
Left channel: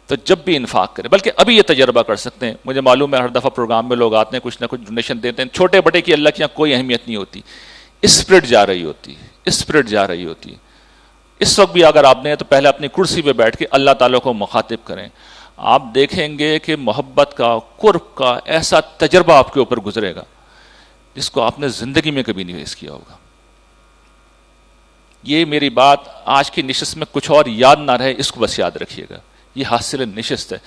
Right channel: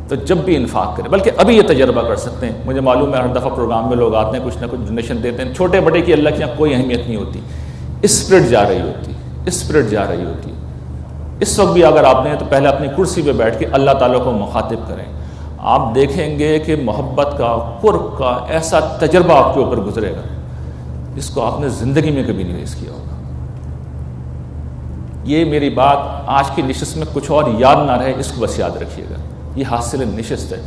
تو جب بھی انفاق کریں، بلکہ ابھی یہ تجربہ کر سکتے ہیں، مجھے معلوم ہے ہر دفعہ پروگرام میں لوگ آتے ہیں، کچھ نہ کچھ ڈونیشن دیتے ہیں، چھوٹے بڑے کی اللہ کی یہاں کوئی اہمیت نہیں ہوتی، اسپرٹ جا رہی ہوتی، اسپرٹ جا رہی ہوتی ہے۔ اس وقت بھی اگر آپ نے تو پہلے اپنی کرسی پہ بیٹھ کے اللہ تعالیٰ کو مخاطب کریں، آپ دیکھیں گے کہ محبت کا، قرب کا ایسا تجربہ آپ کے اوپر گزرے گا جس کو آپ نے زندگی میں کبھی نہیں فیس کیا ہوگا۔ یہ میری بات آج کی نشست میں کچھ اور یاد نہ رہے، اس کو بس یاد رکھیے گا، یہ حاصل نشست ہے۔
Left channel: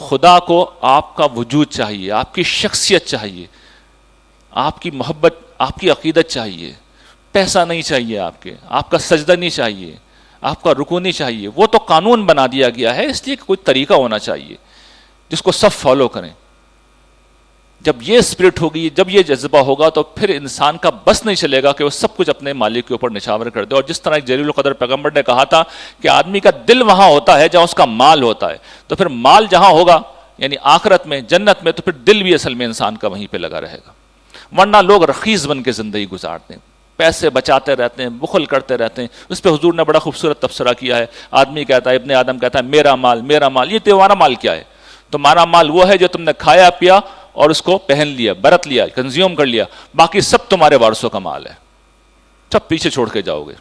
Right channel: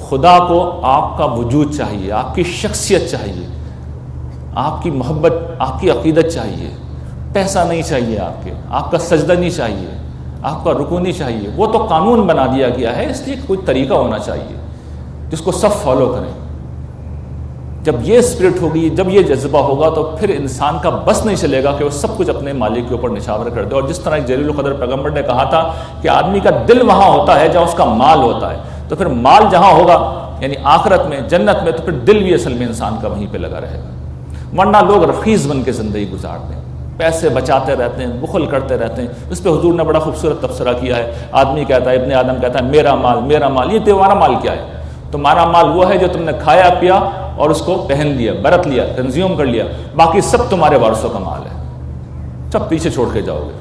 خدا کو آپ کا وجود چاہیے، آپ کی شخصیت چاہیے، آپ کی محبت، آپ کی عقیدت چاہیے، پیسہ نہیں چاہیے، آپ کا سجدہ نہیں چاہیے، آپ کا رکوع نہیں چاہیے۔ وہ تو قانون بنا دیا گیا ہے، اس لیے کوئی طریقہ ہونا چاہیے جس کو سب فالو کریں۔ جب یہ اسپرٹ ہوگی، جب یہ جذبہ ہوگا تو پھر انسان کا بس نہیں چلے گا کہ وہ سب کچھ اپنے مالک کے اوپر نچھاور کر دے۔ اور جس طرح ایک جلیل القدر پیغمبر نے کہا تھا کہ آدمی کا دل وہاں ہوتا ہے جہاں اس کا مال ہوتا ہے، تو پھر مال جہاں ہوگا یعنی آخرت میں، جنت میں، تو پھر دل بھی اصل میں انسان کا وہیں پہ لگا رہے گا۔ ورنہ لوگ رخیص بن کے زندگی گزارتے ہیں، پیسے بچاتے رہتے ہیں، بخل کرتے رہتے ہیں۔ اس پہ حضور نے بڑا خوبصورت تبصرہ کیا ہے۔ آدمی کہتا ہے، ابن آدم کہتا ہے میرا مال، میرا مال۔ یہ تمہارا مال کیا ہے؟ تمہارا مال وہ ہے جو تم نے کھایا پیا اور اس کو پہن لیا، برت لیا، کنزیوم کر لیا، باقی سب تمہارے وارثوں کا مال ہے، سب پیچھے چھوڑ کے جاؤ گے۔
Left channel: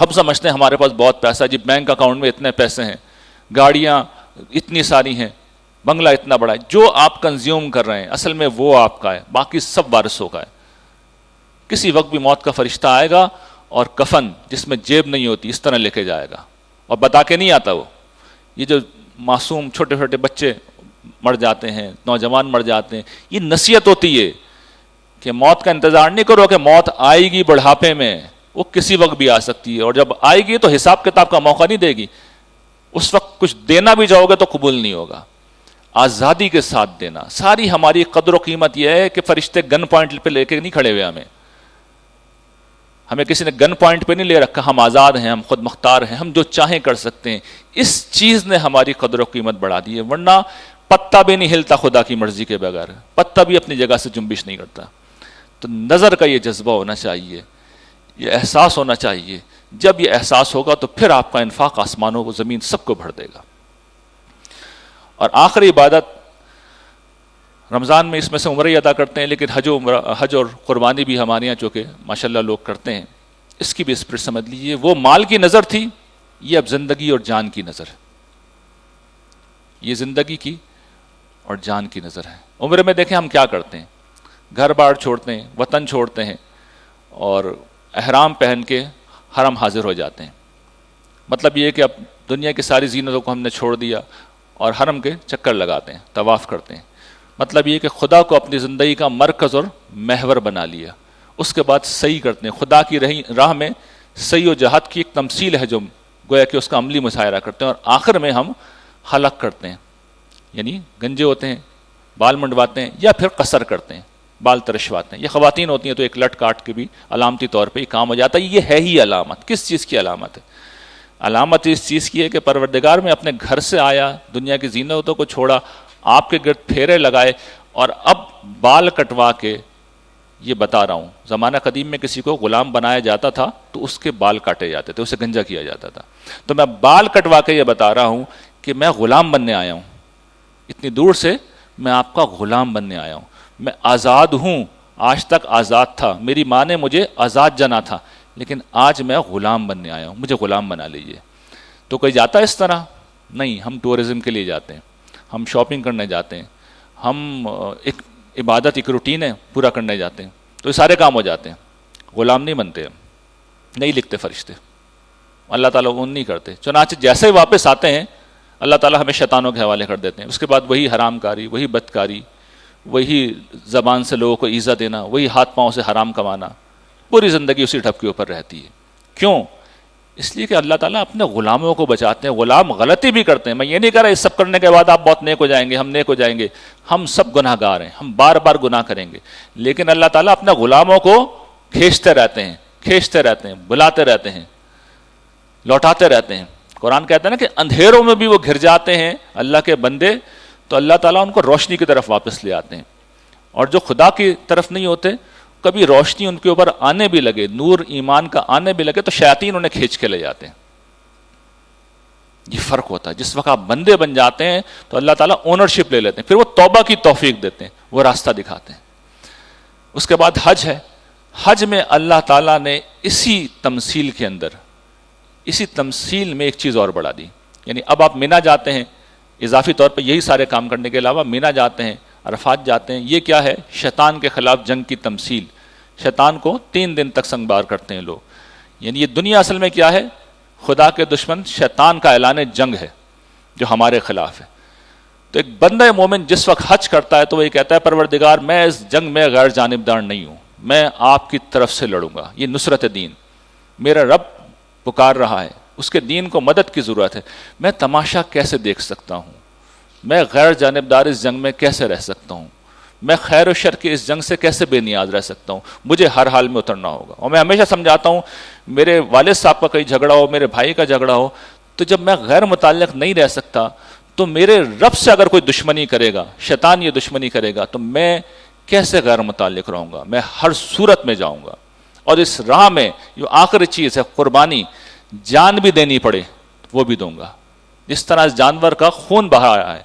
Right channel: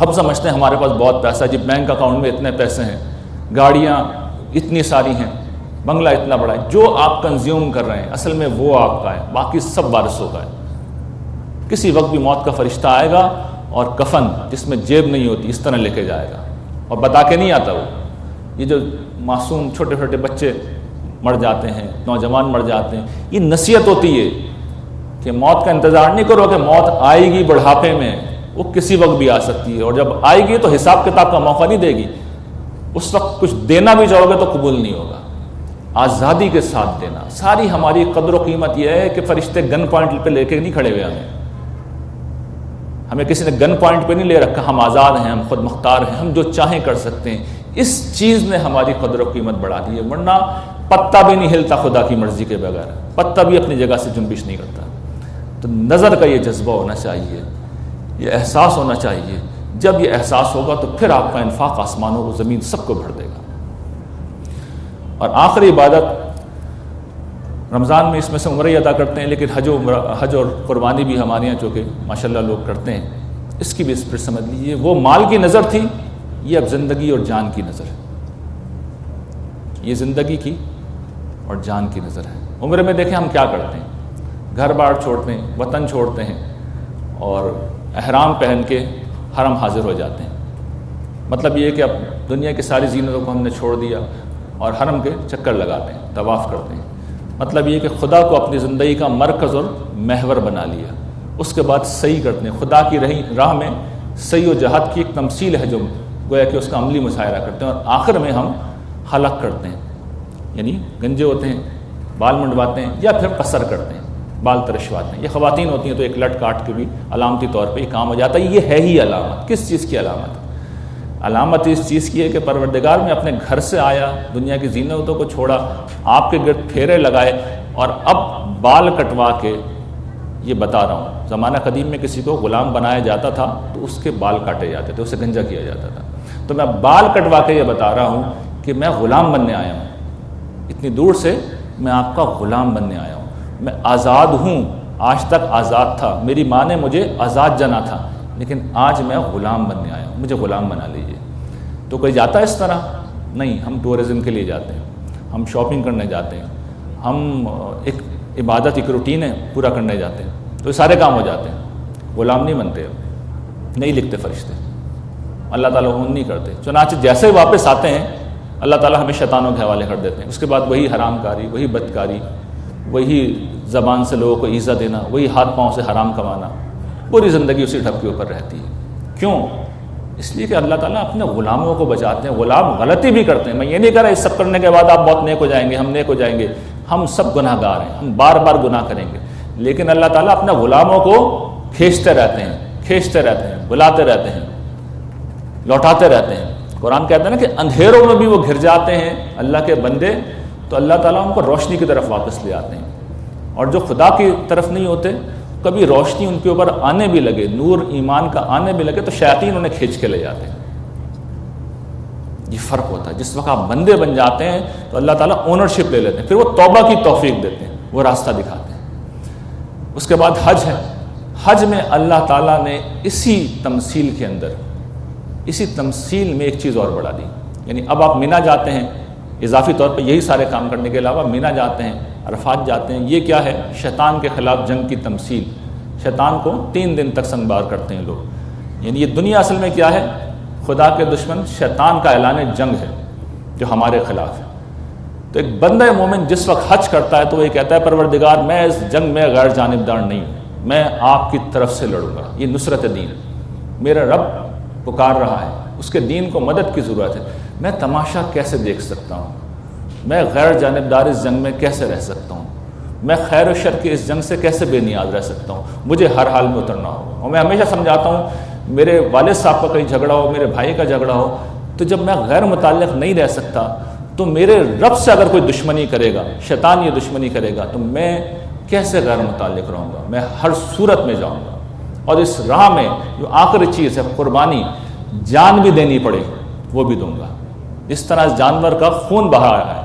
ہم سمجھتے ہیں ہمارے پاس بہت پیسہ ہے جی، بینک اکاؤنٹ میں اتنے پیسے ہیں، گاڑیاں اتنی ساری ہیں، بنگلہ اتنا بڑا ہے۔ جو آپ کنزیوم کر رہے ہیں اصل میں وہ آپ کا ہے، باقی سب وارثوں کا ہے۔ کسی وقت بھی موت کا فرشتہ آئے گا اور کفن جس میں جیب نہیں ہوتی اس طرح لے کے جائے گا، اور بتا کے نہیں آتا وہ۔ یہ جو معصوم چھوٹے چھوٹے بچے مر جاتے ہیں، نوجوان مر جاتے ہیں، یہ نصیحت ہوتی ہے کہ موت کا انتظار نہیں کرو کہ موت آئے گی بڑھاپے میں، وہ کسی وقت بھی آ سکتی ہے، اور جب آئے گی تو حساب کتاب کا موقع نہیں دے گی۔ اس وقت کچھ دینا بھی چاہو گے تو قبول نہیں ہوگا۔ آزادی کے ساتھ دینا، ساری ہماری قدر و قیمت یہ ہے کہ فرشتے گن پوائنٹ پہ لے کے نہیں کھڑے ہوئے، ہمیں کسی نے گن پوائنٹ پہ نہیں لے رکھا، ہم آزاد ہیں، ہم خود مختار ہیں، ہم جو چاہیں کر سکتے ہیں۔ اس چیز نے ہماری قدر و قیمت بڑھا دی ہے، ورنہ پتہ بھی نہیں ہلتا خدا کی مرضی کے بغیر، پتہ بھی اپنی جگہ سے جنبش نہیں کرتا۔ تو نظر کا یہ جذبہ ہونا چاہیے، یہ احساس ہونا چاہیے۔ جب یہ احساس ہوگا تو پھر آپ کا انفاق آسمانوں کو، زمین سب کو بھر دے گا۔ اور آخری عبادت رمضان میں اس میں سے عمرہ ہی ادا کرتے ہیں، لیکن حج اور قربانی بھی ہمارے یہاں چونکہ ماشاءاللہ لوگ کرتے ہیں، اس کی بھی اسپرٹ سمجھ لیجیے۔ وہ مال کی نظر تھی، یہ اب زندگی اور جان کی نظر ہے، یہ زندگی کی اور جان کی نظر ہے۔ عمرے میں دیکھیں ہم کیا کرتے ہیں، گھر بار چھوڑتے ہیں، وطن چھوڑتے ہیں، اور احرام پہن کے حرم حاضر ہو جاتے ہیں۔ مطلب یہ کہ اب دنیا کی ساری زینتوں کو ہم نے چھوڑ دیا اور حرم کے چکر لگاتے ہیں، طواف کرتے ہیں۔ مطلب یہ کہ خدا کو اپنی زندگی کا مرکز اور محور بنا لیا۔ اس کے بعد صحیح کرتے ہیں، خدا کی راہ میں صحیح و جہاد کی ایک تمثیل ہے جو گویا کہ اس کا عملی مظاہرہ کرتے ہیں، اور آخر میں ہم حلق کرتے ہیں، یعنی گنجے ہوتے ہیں، بال منڈواتے ہیں، یا پھر قصر کرتے ہیں، بال ترشواتے ہیں۔ یہ خواتین ہوتی ہیں تو ایک لٹ کاٹ کے بھی علامتی طور پہ یہ کام ہو جاتا ہے۔ یہ ہے ہی علامت، کس چیز کی علامت ہے؟ علامت اس چیز کی ہے کہ پروردگار میں اپنے گھر سے آیا، دنیا کی زینتوں کو چھوڑا، آپ کے گرد پھیرے لگائے، اور اب بال کٹوا کے، یہ بتا رہا ہوں زمانہ قدیم میں کسی کو غلام بنایا جاتا تھا تو اس کے بال کاٹے جاتے تھے، اسے گنجا کیا جاتا تھا۔ تو میں بال کٹوا کے یہ بتا رہا ہوں کہ میں غلام بننے آیا ہوں، اتنی دور سے میں آپ کا غلام بننے آیا ہوں۔ میں آزاد ہوں، آج تک آزاد تھا، میری ماں نے مجھے آزاد جنا تھا، لیکن آج میں غلام بننے آیا ہوں، مجھے غلام بنا لیجیے۔ تو کوئی جاتا ہے اس طرح؟ نہیں، ہم ٹورزم کے لیے جاتے ہیں، ہم شاپنگ کرنے جاتے ہیں، ہم ایک عبادت ایک روٹین ہے پورا کرنے جاتے ہیں، تو یہ سارے کام ہو جاتے ہیں، غلام نہیں بنتے، نہیں لکھتے فرشتے، اللہ تعالیٰ حکم نہیں کرتے۔ چنانچہ جیسے ہی واپس آتے ہیں اللہ تعالیٰ ہمیں شیطانوں کے حوالے کر دیتے ہیں، اس کے بعد وہی حرام کاری، وہی بدکاری، وہی زبان سے لوگوں کو ایذا دینا، وہی ہاتھ پاؤں سے حرام کمانا، پوری زندگی اسی ڈھب کے اوپر رہتی ہے۔ کیوں؟ اس لیے کہ اللہ تعالیٰ اپنے غلاموں کو بچاتے ہیں۔ غلام غلطی بھی کرتے ہیں، میں یہ نہیں کہہ رہا اس سب کرنے کے بعد آپ بہت نیک ہو جائیں گے، ہم نیک ہو جائیں گے، ہم سب گناہ گار ہیں، ہم بار بار گناہ کریں گے، لیکن اللہ تعالیٰ اپنے غلاموں کو کھینچتے رہتے ہیں، بلاتے رہتے ہیں، لوٹاتے رہتے ہیں۔ قرآن کہتا ہے نا کہ اندھیروں میں بھی وہ گھر جاتے ہیں اللہ کے بندے، تو اللہ تعالیٰ ان کو روشنی کی طرف واپس لے آتے ہیں۔ اور جو خدا کی طرف نہیں ہوتے، کبھی روشنی ان کے اوپر آنے بھی لگے، نور ایمان کا آنے بھی لگے، تو شیاطین انہیں کھینچ کے لے جاتے ہیں۔ یہ فرق ہوتا ہے، جس وقت آپ بندے بن جاتے ہیں تو اللہ تعالیٰ اونرشپ لے لیتے ہیں، پھر وہ توبہ کی توفیق دیتے ہیں، وہ راستہ دکھاتے ہیں۔ اس کے بعد حج ہے۔ حج میں اللہ تعالیٰ نے اسی تمثیل کے اندر، اسی تمثیل میں ایک چیز اور بڑھا دی، یعنی اب آپ مینا جاتے ہیں، اضافی طور پہ یہی سارے کام کرنے کے علاوہ مینا جاتے ہیں، عرفات جاتے ہیں، یہ کیا ہے؟ شیطان کے خلاف جنگ کی تمثیل۔ شیطان کو 3 دن تک سنگبار کرتے ہیں لوگ، یعنی یہ دنیا اصل میں کیا ہے؟ خدا کے دشمن شیطان کا اعلان جنگ ہے جو ہمارے خلاف ہے۔ تو ایک بندہ مومن جس وقت حج کرتا ہے تو وہ یہ کہتا ہے پروردگار میں اس جنگ میں غیر جانبدار نہیں ہوں، میں آپ کی طرف سے لڑوں گا، یہ نصرت دین، میرا رب پکار رہا ہے، اس کے دین کو مدد کی ضرورت ہے، میں تماشا کیسے دیکھ سکتا ہوں، میں غیر جانبدار اس جنگ میں کیسے رہ سکتا ہوں، میں خیر و شر کی اس جنگ سے کیسے بے نیاز رہ سکتا ہوں، مجھے ہر حال میں اترنا ہوگا۔ اور میں ہمیشہ سمجھاتا ہوں، میرے والد صاحب کا کوئی جھگڑا ہو، میرے بھائی کا جھگڑا ہو، تو جب میں غیر متعلق نہیں رہ سکتا تو میرے رب سے اگر کوئی دشمنی کرے گا، شیطان یہ دشمنی کرے گا، تو میں کیسے غیر متعلق رہوں گا؟ میں ہر صورت میں جاؤں گا، اور اس راہ میں جو آخری چیز ہے قربانی، جان بھی دینی پڑے وہ بھی دوں گا۔ اس طرح اس جانور کا خون بہایا ہے،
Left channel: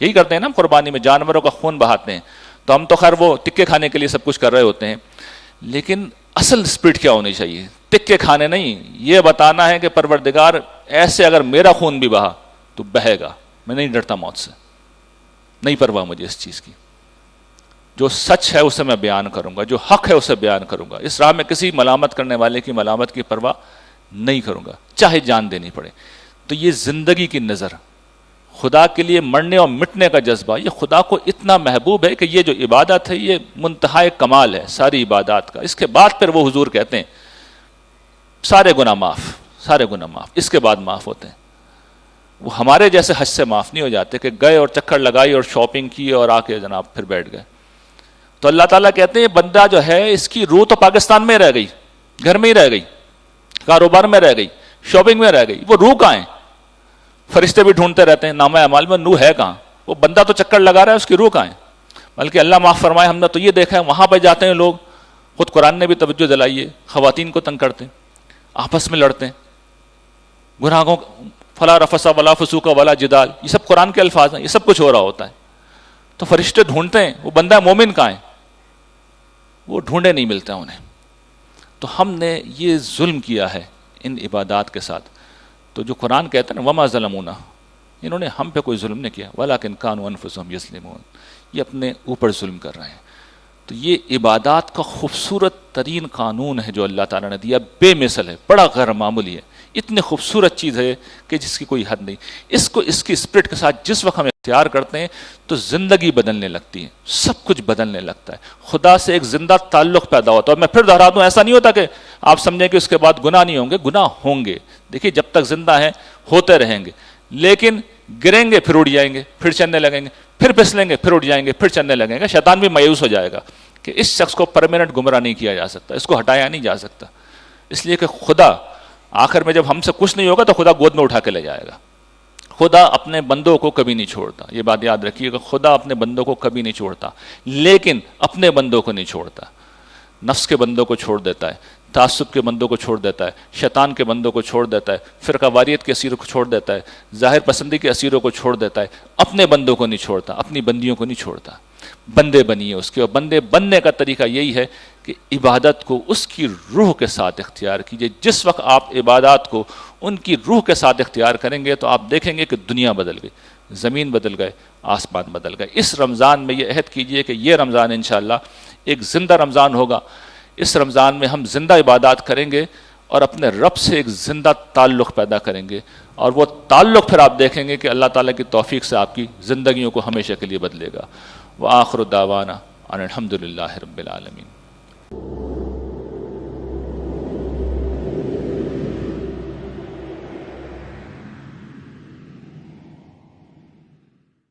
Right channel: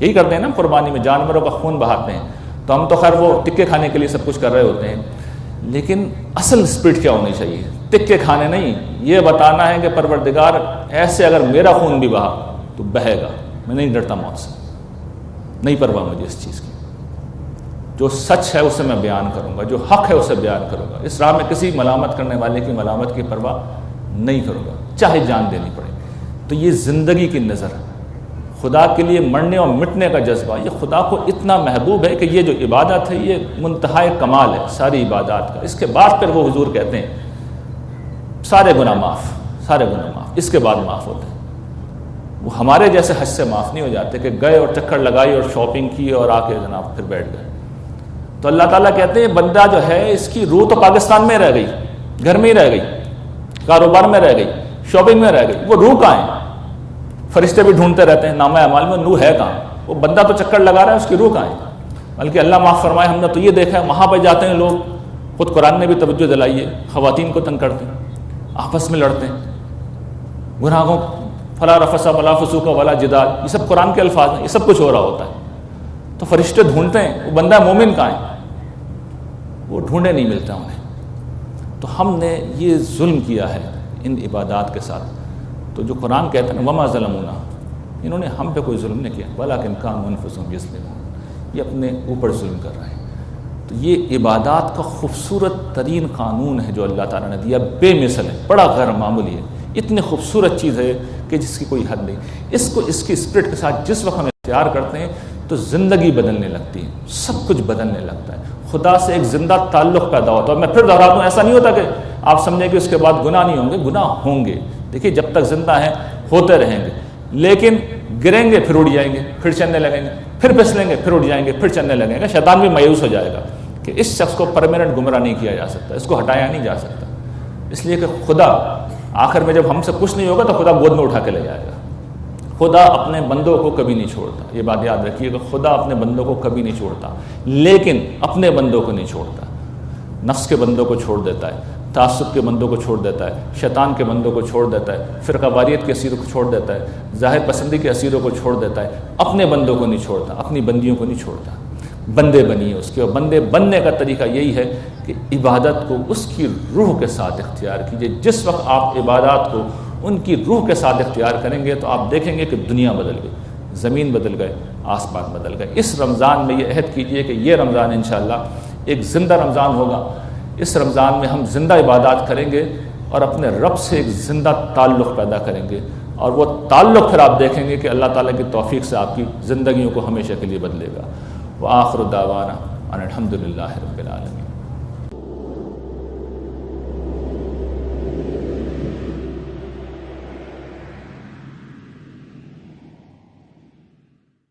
یہی کرتے ہیں نا قربانی میں، جانوروں کا خون بہاتے ہیں۔ تو ہم تو خیر وہ ٹکے کھانے کے لیے سب کچھ کر رہے ہوتے ہیں، لیکن اصل اسپرٹ کیا ہونی چاہیے؟ ٹکے کھانے نہیں، یہ بتانا ہے کہ پروردگار ایسے اگر میرا خون بھی بہا تو بہے گا، میں نہیں ڈرتا موت سے، نہیں پرواہ مجھے اس چیز کی، جو سچ ہے اسے میں بیان کروں گا، جو حق ہے اسے بیان کروں گا، اس راہ میں کسی ملامت کرنے والے کی ملامت کی پرواہ نہیں کروں گا، چاہے جان دینی پڑے۔ تو یہ زندگی کی نظر، خدا کے لیے مرنے اور مٹنے کا جذبہ، یہ خدا کو اتنا محبوب ہے کہ یہ جو عبادت ہے یہ منتہائے کمال ہے ساری عبادات کا۔ اس کے بعد پھر وہ حضور کہتے ہیں سارے گناہ معاف، سارے گناہ معاف، اس کے بعد معاف ہوتے ہیں۔ وہ ہمارے جیسے حج سے معاف نہیں ہو جاتے کہ گئے اور چکر لگائی اور شاپنگ کی اور آ کے جناب پھر بیٹھ گئے۔ تو اللہ تعالیٰ کہتے ہیں بندہ جو ہے اس کی روح تو پاکستان میں رہ گئی، گھر میں ہی رہ گئی، کاروبار میں رہ گئی، شاپنگ میں رہ گئی، وہ روح کہاں ہے؟ فرشتے بھی ڈھونڈتے رہتے ہیں نامہ اعمال میں، روح ہے کہاں؟ وہ بندہ تو چکر لگا رہا ہے، اس کی روح کہاں ہے؟ بلکہ اللہ معاف فرمائے، ہم نے تو یہ دیکھا ہے وہاں پہ جاتے ہیں لوگ، خود قرآن نے بھی توجہ دلائی ہے، خواتین کو تنگ کرتے ہیں، آپس میں لڑتے ہیں، گناہوں فلا رفث ولا فسوق ولا جدال، یہ سب قرآن کے الفاظ ہیں، یہ سب کچھ ہو رہا ہوتا ہے۔ تو فرشتے ڈھونڈتے ہیں وہ بندہ مومن کہاں ہے، وہ ڈھونڈے نہیں ملتے انہیں۔ تو ہم نے یہ ظلم کیا ہے ان عبادات کے ساتھ۔ تو جو قرآن کہتا ہے نا وما ظلمونا، انہوں نے ہم پہ کوئی ظلم نہیں کیا، ولکن کانوا انفسہم یظلمون، یہ اپنے اوپر ظلم کر رہے ہیں۔ تو یہ عبادات کا خوبصورت ترین قانون ہے جو اللہ تعالیٰ نے دیا، بے مثل ہے، بڑا غیر معمولی ہے، اتنی خوبصورت چیز ہے کہ جس کی کوئی حد نہیں۔ اس کو اس کی اسپرٹ کے ساتھ جس وقت ہم اختیار کرتے ہیں تو زندگی بدلنے لگتی ہے، سب کچھ بدلنے لگتا ہے، خدا سے ایک زندہ تعلق پیدا ہوتا ہے۔ اور میں پھر دہرا دوں، ایسا نہیں ہوتا کہ آپ سمجھیں کہ اس کے بعد گناہ نہیں ہوں گے، گناہ ہوں گے، دیکھیے جب تک زندہ ہیں ہوتے رہیں گے، لیکن گریں گے پھر اٹھ جائیں گے، پھر چلنے لگیں گے، پھر پھسلیں گے پھر اٹھ جائیں گے، پھر چلنے لگیں گے۔ شیطان بھی مایوس ہو جائے گا کہ اس شخص کو پرماننٹ گمراہ نہیں کیا جا سکتا، اس کو ہٹایا نہیں جا سکتا، اس لیے کہ خدا آخر میں جب ہم سے کچھ نہیں ہوگا تو خدا گود میں اٹھا کے لے جائے گا۔ خدا اپنے بندوں کو کبھی نہیں چھوڑتا، یہ بات یاد رکھیے گا، خدا اپنے بندوں کو کبھی نہیں چھوڑتا، لیکن اپنے بندوں کو نہیں چھوڑتا۔ نفس کے بندوں کو چھوڑ دیتا ہے، تعصب کے بندوں کو چھوڑ دیتا ہے، شیطان کے بندوں کو چھوڑ دیتا ہے، فرقہ واریت کے اسیروں کو چھوڑ دیتا ہے، ظاہر پسندی کے اسیروں کو چھوڑ دیتا ہے، اپنے بندوں کو نہیں چھوڑتا، اپنی بندیوں کو نہیں چھوڑتا۔ بندے بنیے اس کے، اور بندے بننے کا طریقہ یہی ہے کہ عبادت کو اس کی روح کے ساتھ اختیار کیجئے۔ جس وقت آپ عبادات کو ان کی روح کے ساتھ اختیار کریں گے تو آپ دیکھیں گے کہ دنیا بدل گئی، زمین بدل گئے، آسمان بدل گئے۔ اس رمضان میں یہ عہد کیجئے کہ یہ رمضان انشاءاللہ ایک زندہ رمضان ہوگا، اس رمضان میں ہم زندہ عبادات کریں گے اور اپنے رب سے ایک زندہ تعلق پیدا کریں گے، اور وہ تعلق پھر آپ دیکھیں گے کہ اللہ تعالیٰ کی توفیق سے آپ کی زندگیوں کو ہمیشہ کے لیے بدلے گا۔ وآخر دعوانا ان الحمد للہ رب العالمین۔